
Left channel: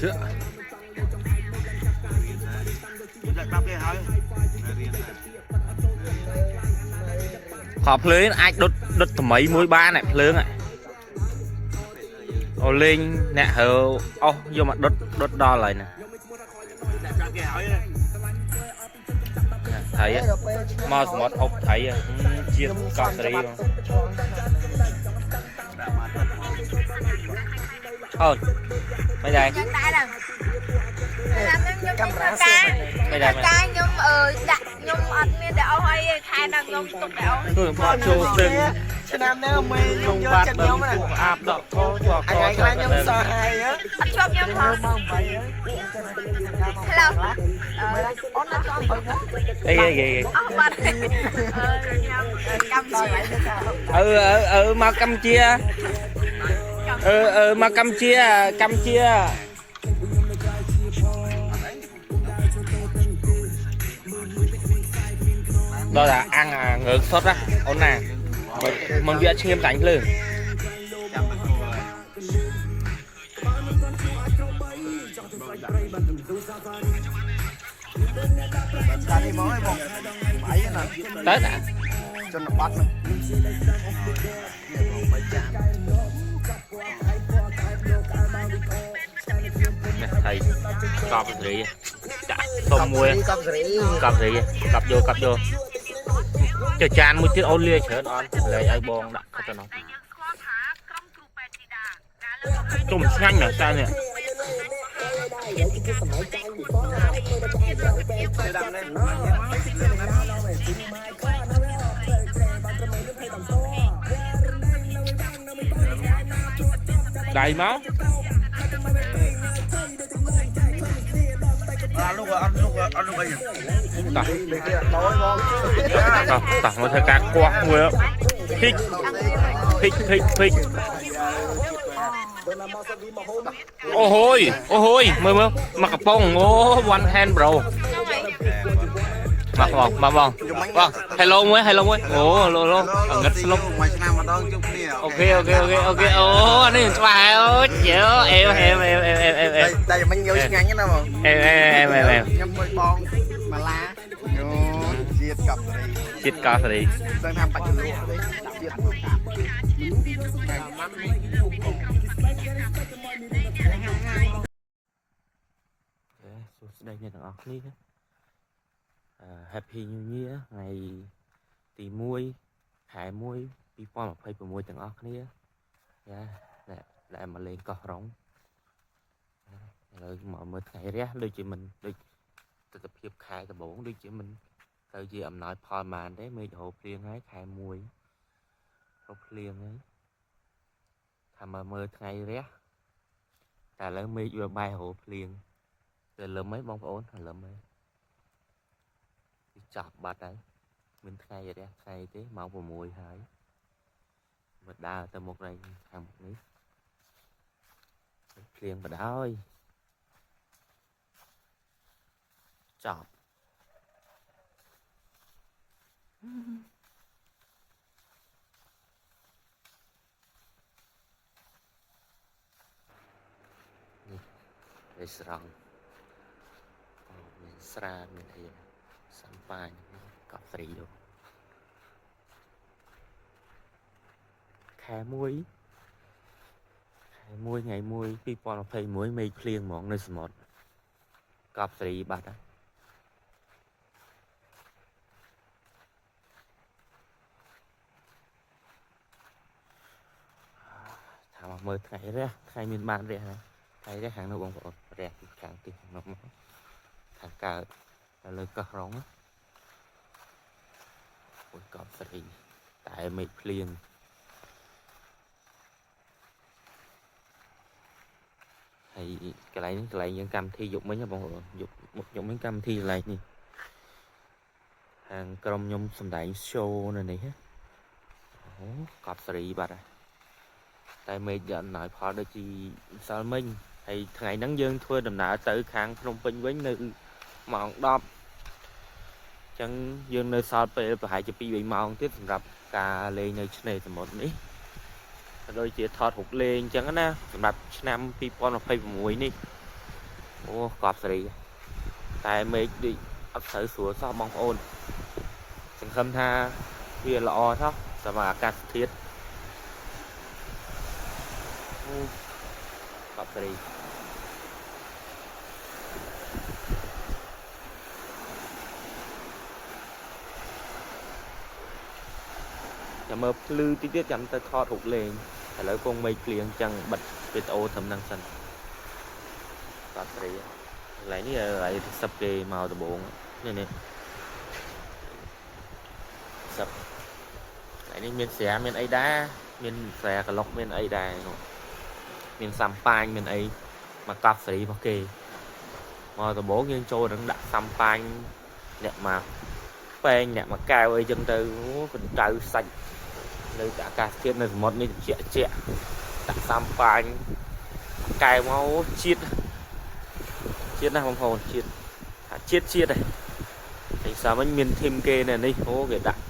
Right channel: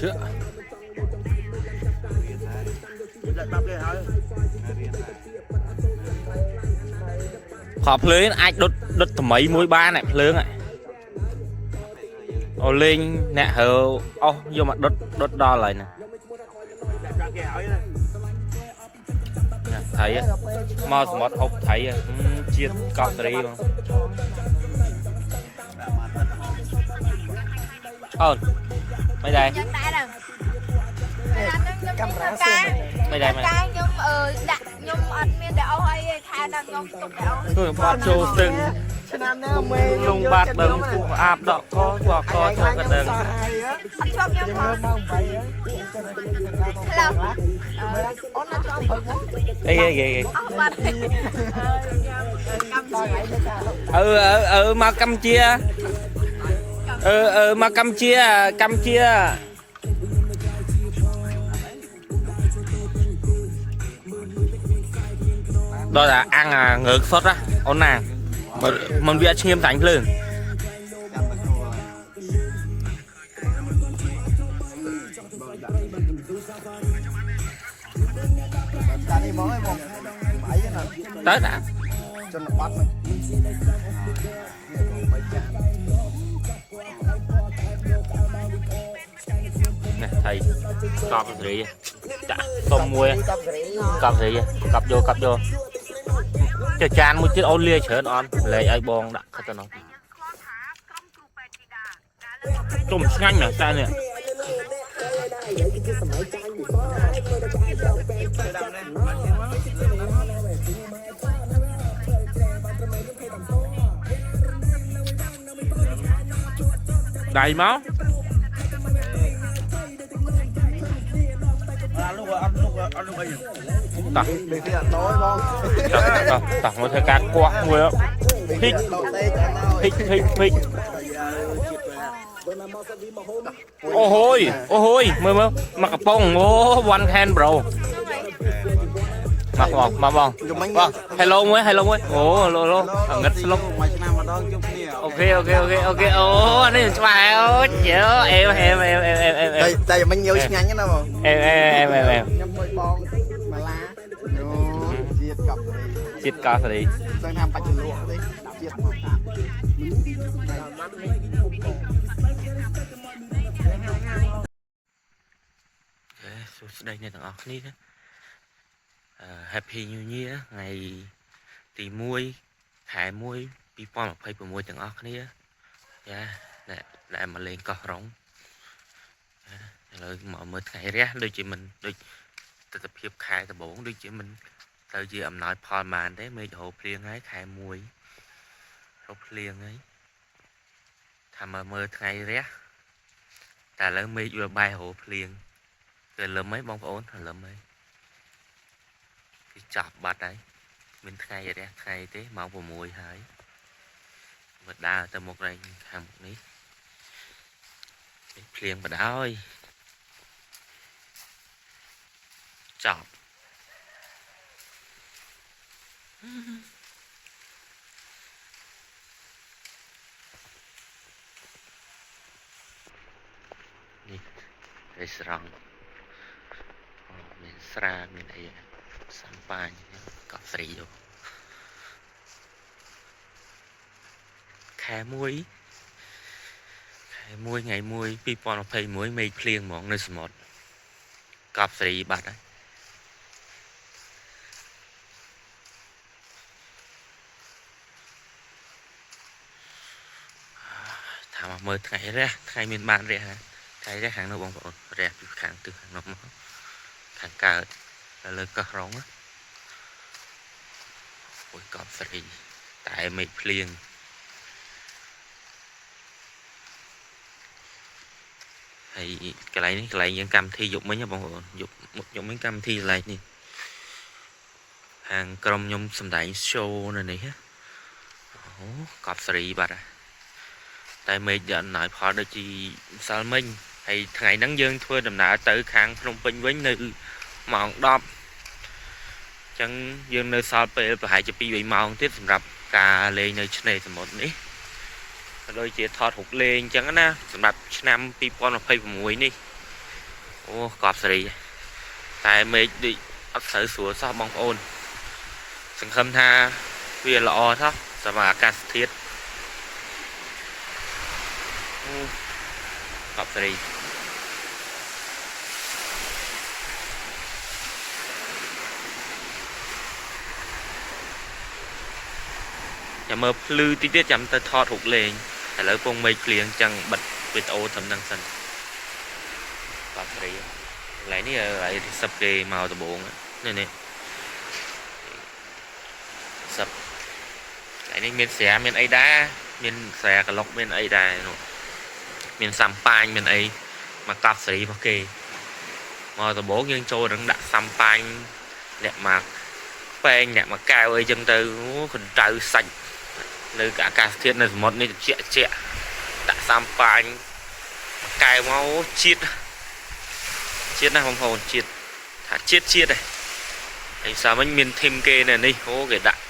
chưa họភ្លើងអាចដុតថ្មីមួយបានឯភ្លើងអូលេងអ្នកហើអស់យកមកដុតដល់ហើយណាថៃមកសមុទ្រហុកថៃជាតិកប់សេរីបងអូនមិនដែរ nhân đại đâu cameraមិនដែរ cái nhung đặt nhung ăn miên đậu hay khai đang nhung tụt đậu គឺបាត់ចូលស្ទឹង năm nay ông mê លងបាត់ដឹងពួកអាបដកកចូលកចូលកដឹង ăn chọc nhung hả hello ê bắt mà Campuchia mà Campuchia đó là ăn ngược sốt á ôn nè mình bị nghiêm cảnh lương tới nè cho nó bắt nè thầy cọp gì chả tôm muối cọp gì cọp vô cho chan một chiếc ôn lia chở on lấy ai bong đã khát cho nó tôm nhanh nè sao nè đầy máu ăn lúc bây giờ tao một thời gian qua người đó thích ô hôi mơ mà cặp bông one hand bro mặc bong hello mới ồ lô ngất lúc mà năm mà đón chút nè ok ô anh ấy bài ơi chịu em đây mình nhiều nhanh nhá nào em nhâm môi bong mà lá nhô chiết cặp đi đang làm bạch chân đi chiết đây nè thằng ốc ní Happy New Year ថ្ងៃទី1 ខែ1 2026ទាំងអស់គ្នាចាដែលមកលេងកោះរ៉ុងឥឡូវមកមើលថ្ងៃរះដូចជាមិនដូចទស្សនភាពខែដំបូងដូចជាមិនទៅជាអំណោយផលប៉ុន្មានទេមេឃរោភ្លៀងហើយខែ1រោភ្លៀងហើយថាមកមើលថ្ងៃរះតែឥឡូវមេឃវាបែររោភ្លៀងគឺលឹមហីបងប្អូនលឹមហីគឺចាប់បាត់ហើយមានថ្ងៃរះថ្ងៃទេម៉ោង6ហើយមើលដើរទៅមុខនេះខាងមុខនេះភ្លៀងបដ ơi ចាប់នេះរេស្តរ៉ង់មានស្រាមានអីសំប៉ាញកោះស្រីយោខែ1ថ្ងៃ1 2021មេឃភ្លៀងហ្មងនៅសមុទ្រកោះស្រីបាត់ហើយថាមកមើលថ្ងៃរះថ្ងៃមានបានរះណាថ្ងៃរះខាងនោះបងប្អូនរះពីខាងទិសខាងនោះមកខាងកើតលើកោះរ៉ុងអូយកោះស្រីតែមេឃភ្លៀងហើយកន្លែងនេះកន្លែងយើងកម្មវិធីយប់មិញបងប្អូនយប់មិញកម្មវិធីកន្លែងនេះហាងក្រុមខ្ញុំសម្ដែង show នៅនេះអូកោះស្រីបាត់ហើយតែមេឃយកអំណោយផលដូចជាម្សិលមិញហើយថ្ងៃហ្នឹងយើងធ្វើដំណើរទៅខាងភ្នំពេញវិញនៅម៉ោង 10 អញ្ចឹងយើងនៅសល់ពេលប្រហែលជា 2-3 ម៉ោងទៀតសម្រាប់ការលេងនៅឆ្នេរសមុទ្រនេះដូចជាថតរូបលេងអញ្ចឹងណាសម្រាប់ឆ្នាំ 2026 នេះអូកោះសេរីតែមេឃដូចអត់ត្រូវស្រួលសោះបងប្អូនសង្ឃឹមថាវាល្អសោះសម្រាប់អាកាសធាតុកោះសេរីចាំមើលភ្លឺតិចទៀតចាំទៅថតរូបលេងឥឡូវពងមេឃភ្លៀងចឹងបិទវីដេអូត្រឹមហ្នឹងសិនបាទស្រីកន្លែងនេះឲ្យសិបគេមកដំបងនេះសិបកន្លែងនេះមានស្រាមានអីដែរមានស្រាក្លុកមានអីដែរនោះមានសំប៉ាញមានអីមកកោះស្រីរបស់គេមកដំបងយើងចូលនឹងដាក់សំប៉ាញអ្នកមកពេងអ្នកមកកែវអីចឹងទៅកណ្ដៅសាច់នៅអាកាសធាតុនៅសមុទ្រនេះត្រជាក់ដាក់សំប៉ាញកែវមកជាតិណាបងប្អូនជាតិថាជាតិឯងហើយសាមិញមានធីមគេនៅនេះអូគេដាក់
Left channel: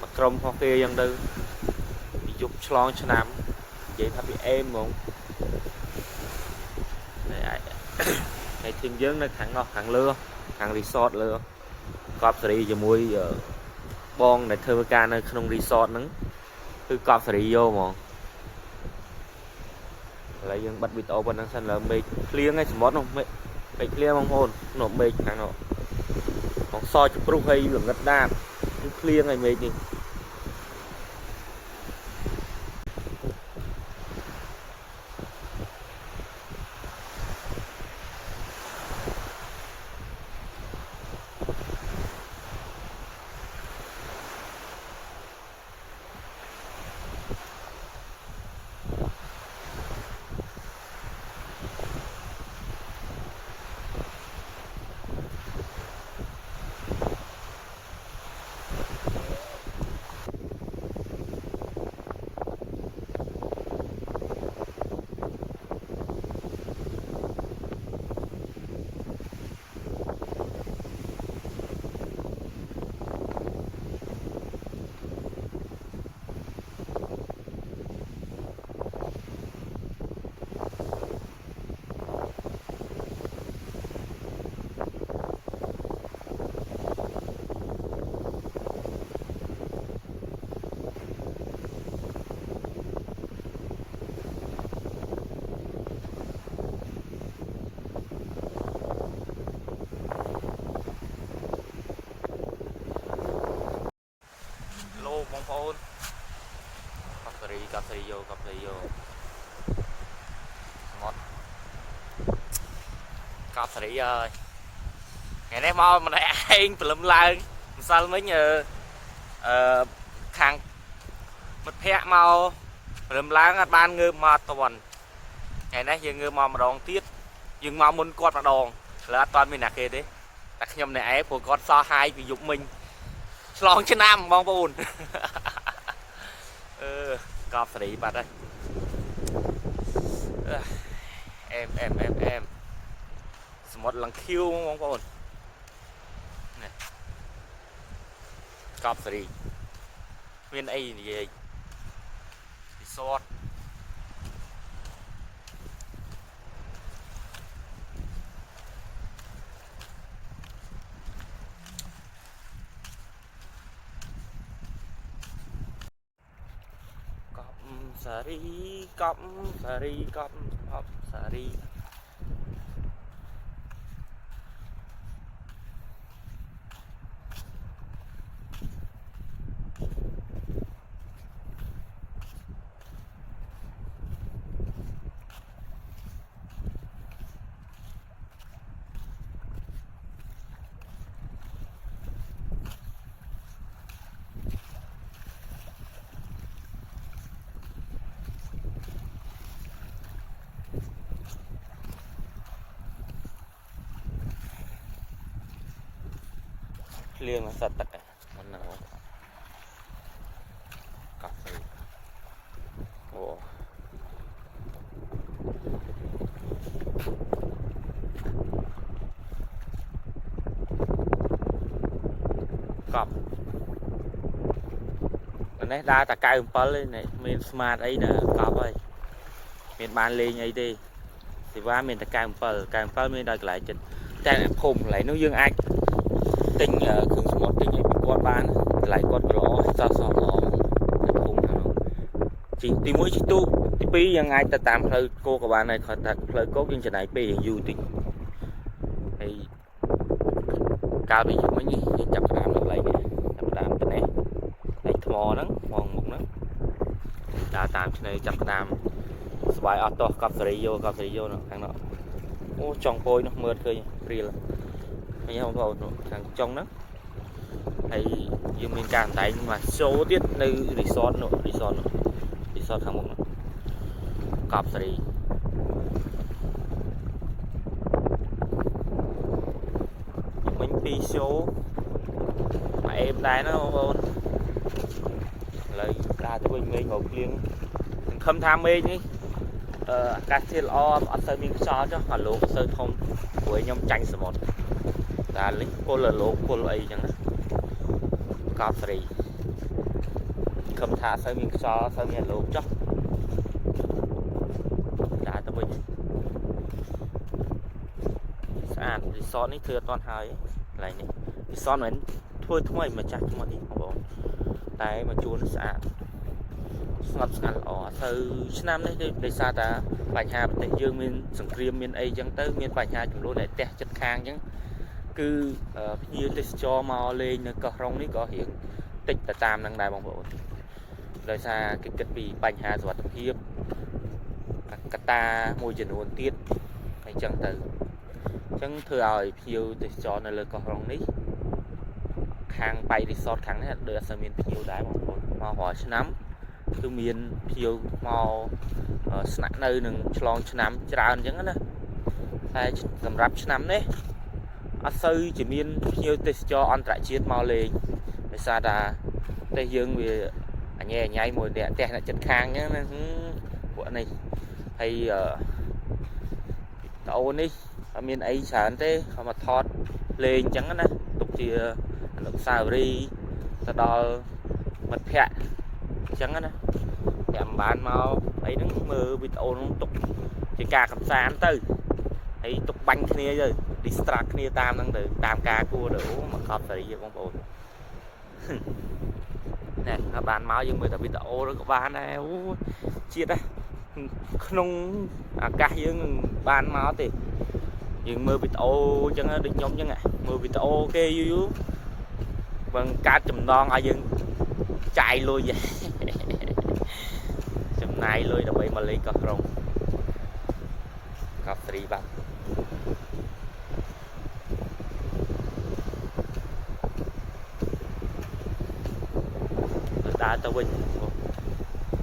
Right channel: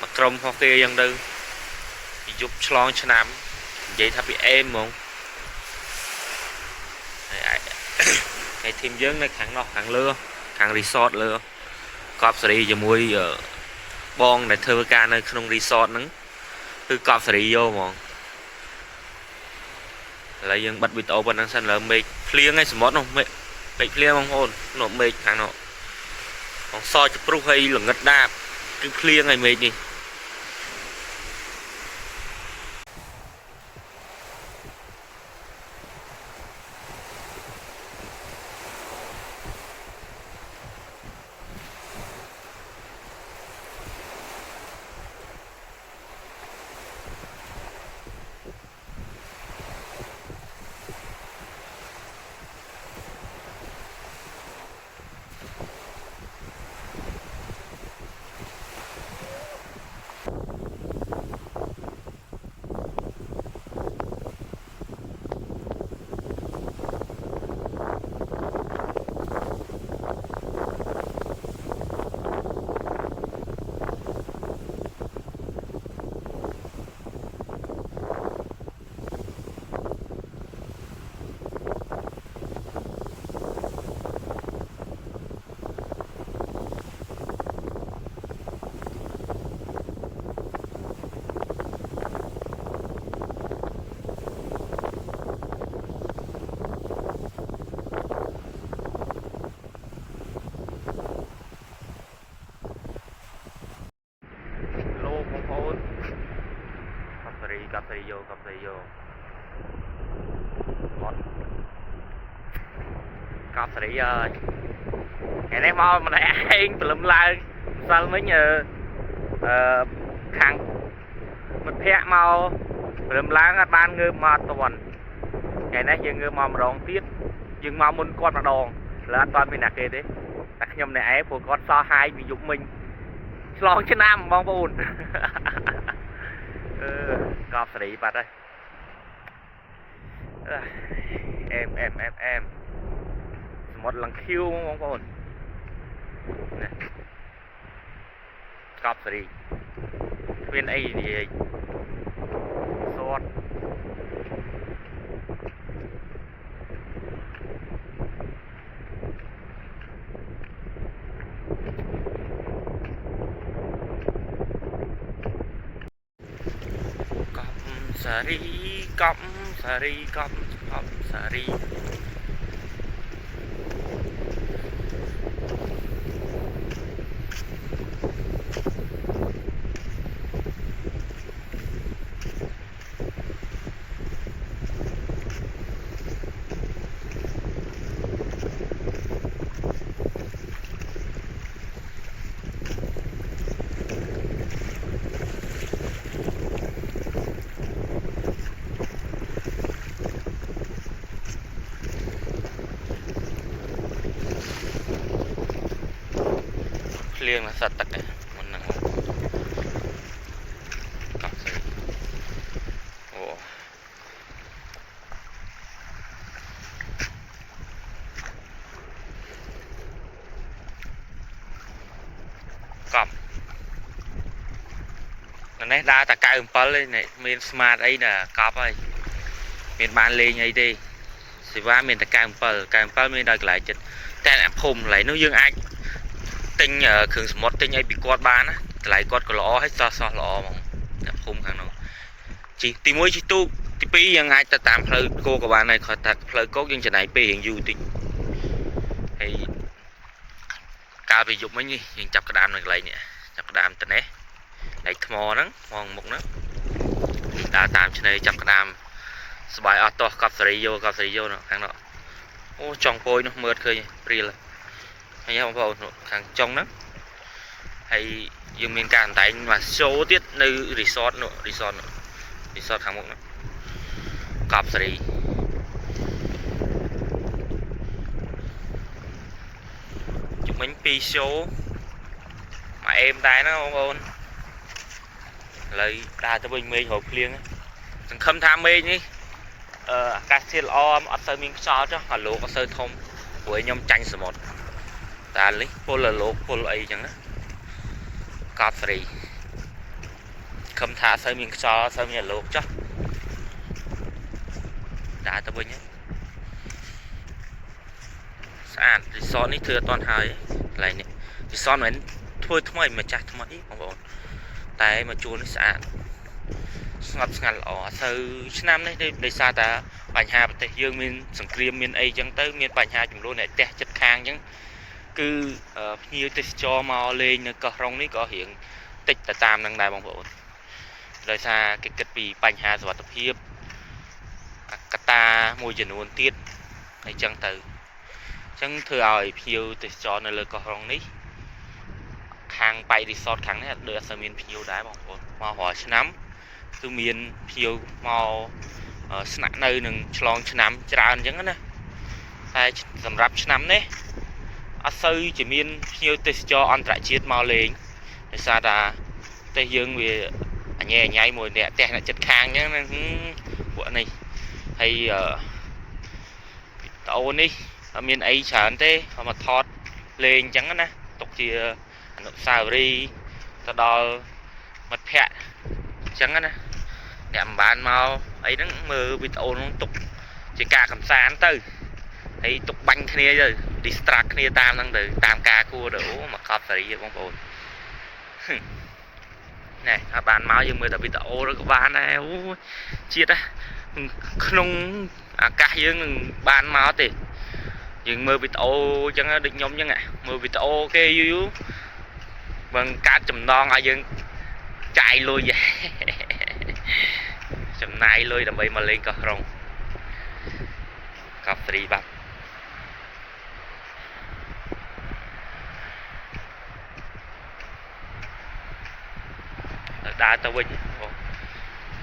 មកក្រុមរបស់គេចឹងទៅពីយប់ឆ្លងឆ្នាំនិយាយថាពីអេមហ្មងហើយធីមយើងនៅខាងនោះខាងលើខាងរីសតលើកោះសេរីជាមួយបងដែលធ្វើការនៅក្នុងរីសតហ្នឹងគឺកោះសេរីយោហ្មងឥឡូវយើងបិទវីដេអូប៉ុណ្ណឹងសិនឥឡូវមេឃភ្លៀងហើយសមុទ្រនោះមេឃភ្លៀងបងប្អូននោះមេឃខាងនោះបងសចព្រុសហើយល្ងិតដាបគឺភ្លៀងហើយមេឃនេះ សេរីយោមក កប់សេរីអើយថ្ងៃនេះមកម្នាក់ឯងព្រលឹមឡើងម្សិលមិញខាងមិត្តភ័ក្ដិមកព្រលឹមឡើងអត់បានងើបមកអត់ទាន់ថ្ងៃនេះយើងងើបមកម្ដងទៀតយើងមកមុនគាត់ម្ដងលើអត់ទាន់មានអ្នកគេទេតែខ្ញុំម្នាក់ឯងព្រោះគាត់សោះហាយពីយប់មិញឆ្លងឆ្នាំបងប្អូនកប់សេរីបាត់ហើយអែមសមុទ្រលង្ឃីវបងប្អូននេះកប់សេរីគ្មានអីនិយាយសតកប់សេរីកប់សេរីកប់សេរីភ្លៀងសត្វទឹកហ្នឹងមិនហ្នឹងកប់ស្អីអូកប់នេះដើរតែ97ឯនេះមានស្មាតអីណាកប់ហើយមានបានលេងអីទេសេវាមានតែ97មានដល់កន្លែងចិត្តតែអ្នកភូមិកន្លែងនោះយើងអាចទិញគ្រឿងសមុទ្រទិញអីពីគាត់បានណាតម្លៃគាត់ក៏ល្អហើយសោះល្អហ្មងតែភូមិខាងនោះជីទី1ជីទូកទី2យើងអាចទៅតាមផ្លូវគោកក៏បានដែរគាត់ថាផ្លូវគោកយើងចំណាយពេលរៀងយូរតិចហើយកាលពីយប់មិញនេះយើងចាប់ក្តាមនៅកន្លែងនេះចាប់ក្តាមទៅនេះឯថ្មហ្នឹងមកមុខហ្នឹងដើរតាមឆ្នេរចាប់ក្តាមស្បាយអត់តោះកប់សេរីយោនោះខាងនោះអូចង់ពោយនោះមើលឃើញព្រាលហើយបងប្អូនខាងចុងហ្នឹងហើយយើងមានការអណ្ដែងមកshowទៀតនៅរីសតខាងមុខហ្នឹងកប់សេរីជុំមិញ2 show មកអេមដែរណាបងប្អូនឥឡូវដើរទៅវិញមេឃរោភ្លៀងសង្ឃឹមថាមេឃនេះអាកាសធាតុល្អអត់សូវមានខ្យល់ចុះអាលោកអត់សូវធំព្រោះខ្ញុំចាញ់សមុទ្រតែនេះពលលោកពលអីចឹងណាកប់សេរីខំថាសូវមានខ្យល់សូវមានអាលោកចុះដើរទៅវិញស្អាតរីសតនេះធ្វើអត់ទាន់ហើយកន្លែងនេះរីសតមិនធ្វើថ្មីម្ចាស់ថ្មីបងប្អូនតែមកជួននេះស្អាតស្ងប់ស្ងាត់ល្អអត់ទៅឆ្នាំនេះដោយសារតែបញ្ហាប្រទេសយើងមានសង្គ្រាមមានអីចឹងទៅមានបញ្ហាចំនួនអ្នកផ្ទះចិត្តខាងចឹងគឺភ្ញៀវទេសចរមកលេងនៅកោះរ៉ុងនេះក៏រៀងតិចទៅតាមនឹងដែរបងប្អូនដោយសារគេគិតពីបញ្ហាសុខភាពកត្តាមួយចំនួនទៀតហើយចឹងទៅចឹងធ្វើឲ្យភ្ញៀវទេសចរនៅលើកោះរ៉ុងនេះខាងបៃរីសតខាងនេះដូចអត់សូវមានភ្ញៀវដែរបងប្អូនមករាល់ឆ្នាំគឺមានភ្ញៀវមកស្នាក់នៅនឹងឆ្លងឆ្នាំច្រើនអញ្ចឹងណាតែសម្រាប់ឆ្នាំនេះអត់សូវជាមានភ្ញៀវទេសចរអន្តរជាតិមកលេងដោយសារតែប្រទេសយើងវាអញ៉ៃមួយអ្នកផ្ទះអ្នកចិត្តខាងអញ្ចឹងពួកនេះហើយតអូននេះអត់មានអីច្រើនទេមកថតលេងអញ្ចឹងណាទុកជាអនុស្សាវរីយ៍ទៅដល់មិត្តភ័ក្តិអញ្ចឹងណាអ្នកមិនបានមកអីហ្នឹងមើលវីដេអូនោះទុកជាការកំសាន្តទៅហើយទុកបាញ់គ្នាទៅ distract គ្នាតាមហ្នឹងទៅតាមការគួរទៅអូមកកប់សេរីបងប្អូនណែអត់បានមកយើងមើលតែវីដេអូក៏បានដែរអូជាតិក្នុងអាកាសយើងនឹងបានមកទេយើងមើលវីដេអូអញ្ចឹងដូចខ្ញុំអញ្ចឹងមើលវីដេអូគេយូរបើកាត់ចំណងឲ្យយើងចាយលុយ ចំណាយលុយដើម្បីមកលេងកោះក្រុងកោះស្រីបាត់ដើរទៅវិញ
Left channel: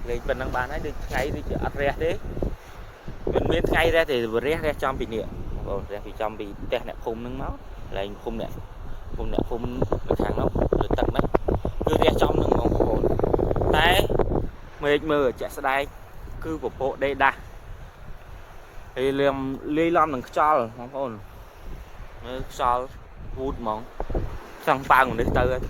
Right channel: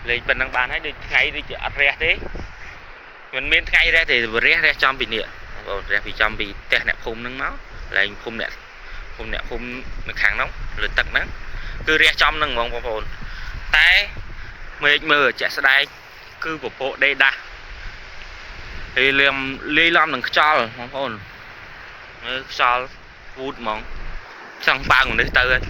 លេងប៉ុណ្ណឹងបានហើយដូចថ្ងៃដូចជាអត់រះទេមិនមានថ្ងៃរះទេរះចំពីនេះបងរះពីចំពីផ្ទះអ្នកភូមិហ្នឹងមកឡើងភូមិអ្នកភូមិនៅខាងនោះលើទឹកហ្នឹងគឺរះចំហ្នឹងបងប្អូនតែមេឃមើលជាក់ស្ដែងគឺពពកដេដាស់ហើយលាយឡំនឹងខ្យល់បងប្អូនមើលខ្យល់វូតហ្មងចង់ប៉ាងនេះទៅហើយ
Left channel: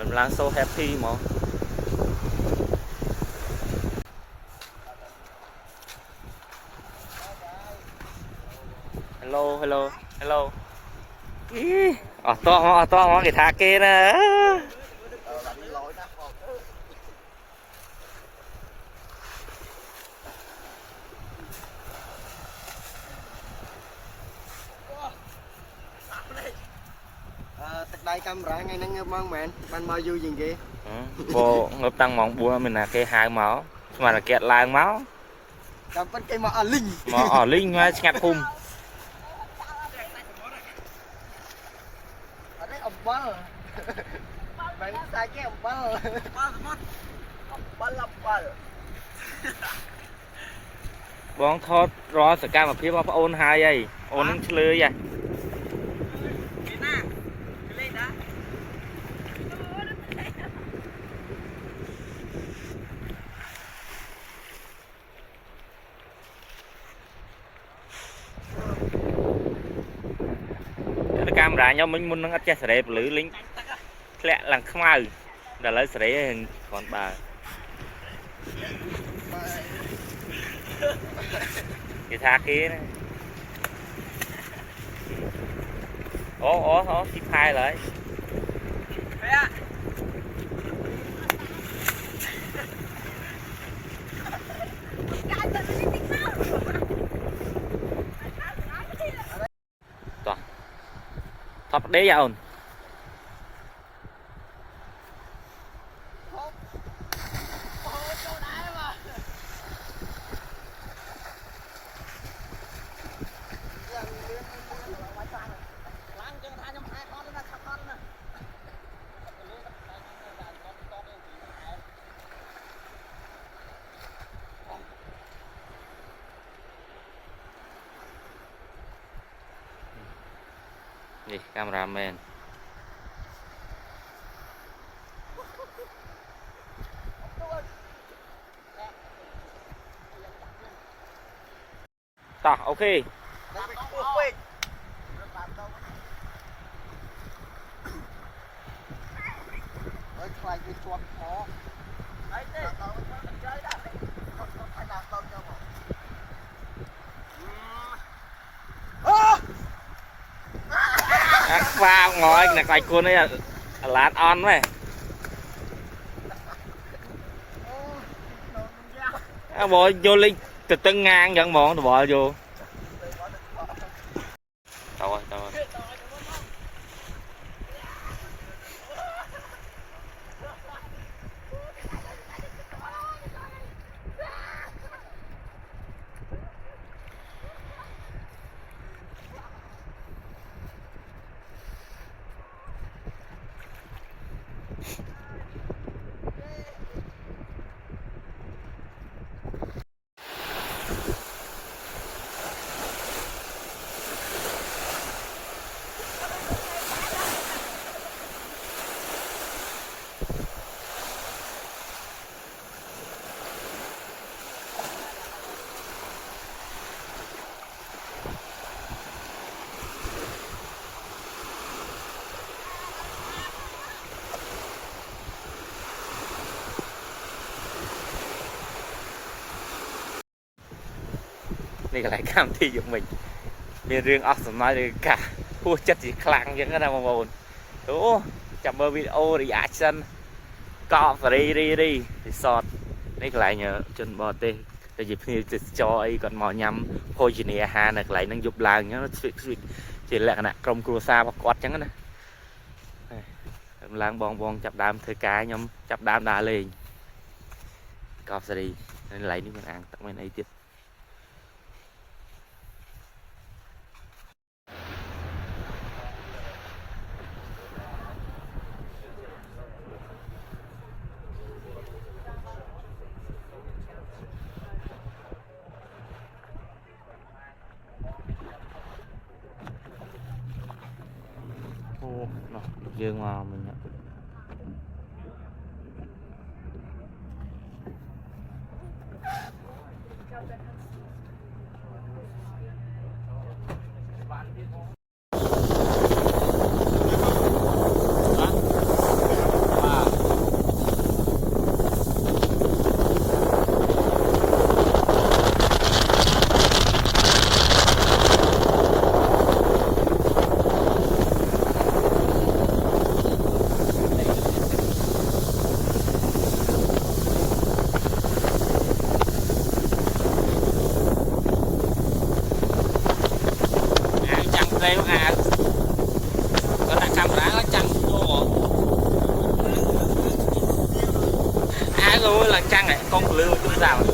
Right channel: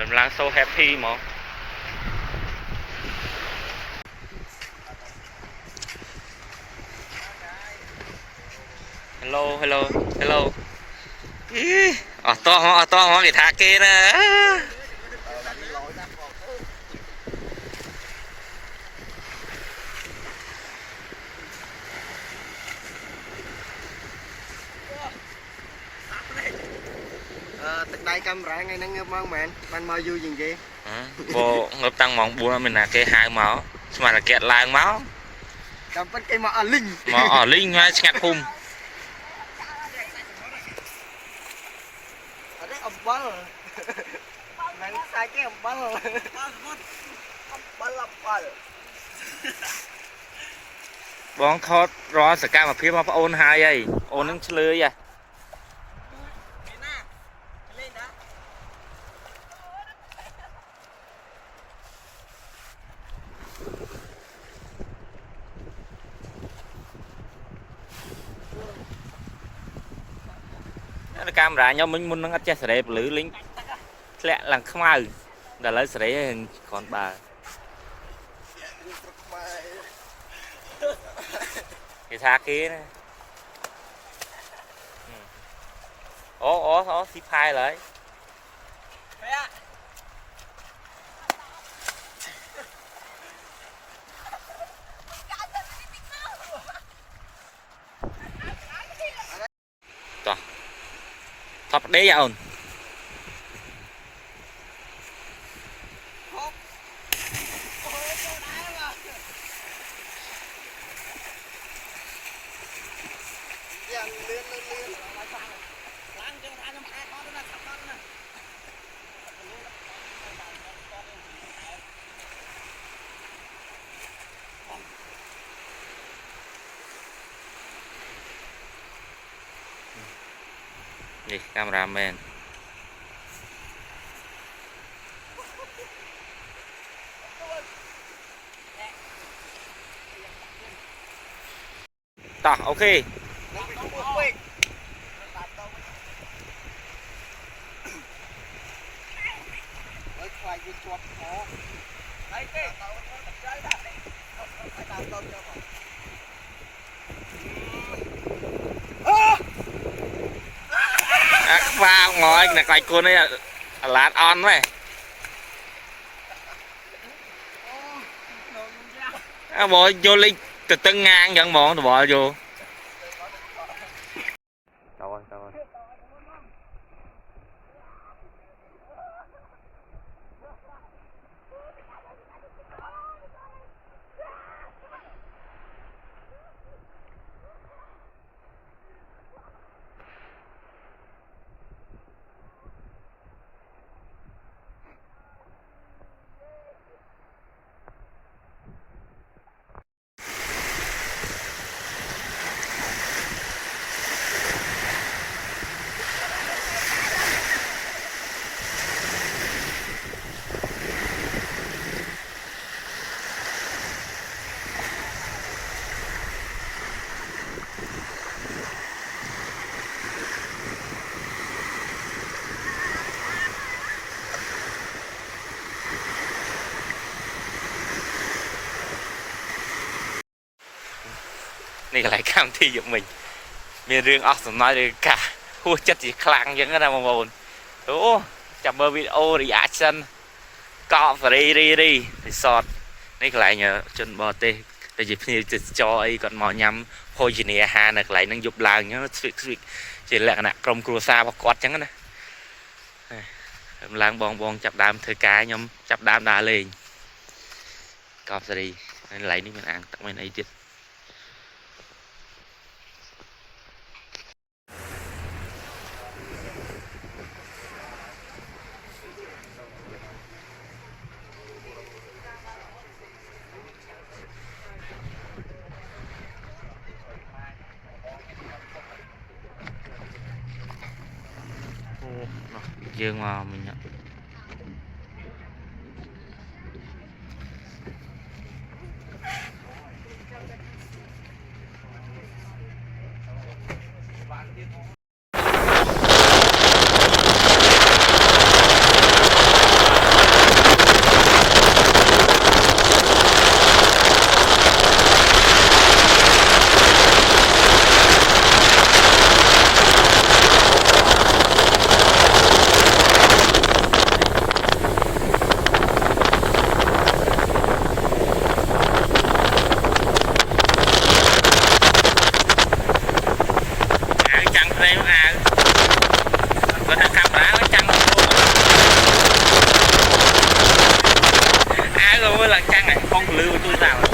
រំឡើង so happy ហ្មង hello hello hello អត់តោះមកគេថាគេណាទឹកដៃកាមេរ៉ាថ្ងៃហ្នឹងងើបមកមែនបានមកយូរជាងគេបងងើបតាំងម៉ោង 4 អត់មានណាគេហៅមកស្មានតែគេឡើងមកតាមពិតគេមកអស់លីងមកឆ្ងាត់ភូមិអត់ទេអំបិលមិនសាច់ទេអំបិលបងថតរាល់សកម្មភាពរបស់ប្អូនហើយហីអូននឹងឆ្លើយហ៎កាមេរ៉ាខ្ញុំមិញមុននឹងអត់ចេះសេរីពលឺលេងធ្លាក់ឡើងខ្មៅដល់ឥឡូវសេរីហើយគ្រាន់បើគេថាគេណាអូស៊ីផាយឡើយថប់ដេអូននេះកាមេរ៉ាមែនតោះអូខេខ្លាចវាជាប់ខអីទេខ្វាងอยណាខ្លាចគូននេះអាឡាតអន់ហ៎បងយកលេងទៅតឹងងាងអញ្ចឹងហ្មងតបល់យកតើនេះកន្លែងកម្មវិធីយកមិញមានរឿងអស់សំណើចឬកាហួសចិត្តជាខ្លាំងអញ្ចឹងណាបងប្អូនអូចាំមើលវីដេអូ reaction កោបសេរីរី resort នេះកន្លែងជនបរទេស แต่จีพีจะจอยก่อนหมอยำโพจิเนียฮาหนักไหลนั่งยุบลางเงี้ยสวิกจีแหละนะกรมครัวซาประกอดจังนะลางบองจับดามเธอกายยำจับดามดาเลยกอบสดีไหลนี่มันอ่างตักมันไอติดโอ้เนาะเยอะมาmình nhận chẳng đây à có thằng cặp đá nó chăng luôn luôn là chăng này con lưu tôi rào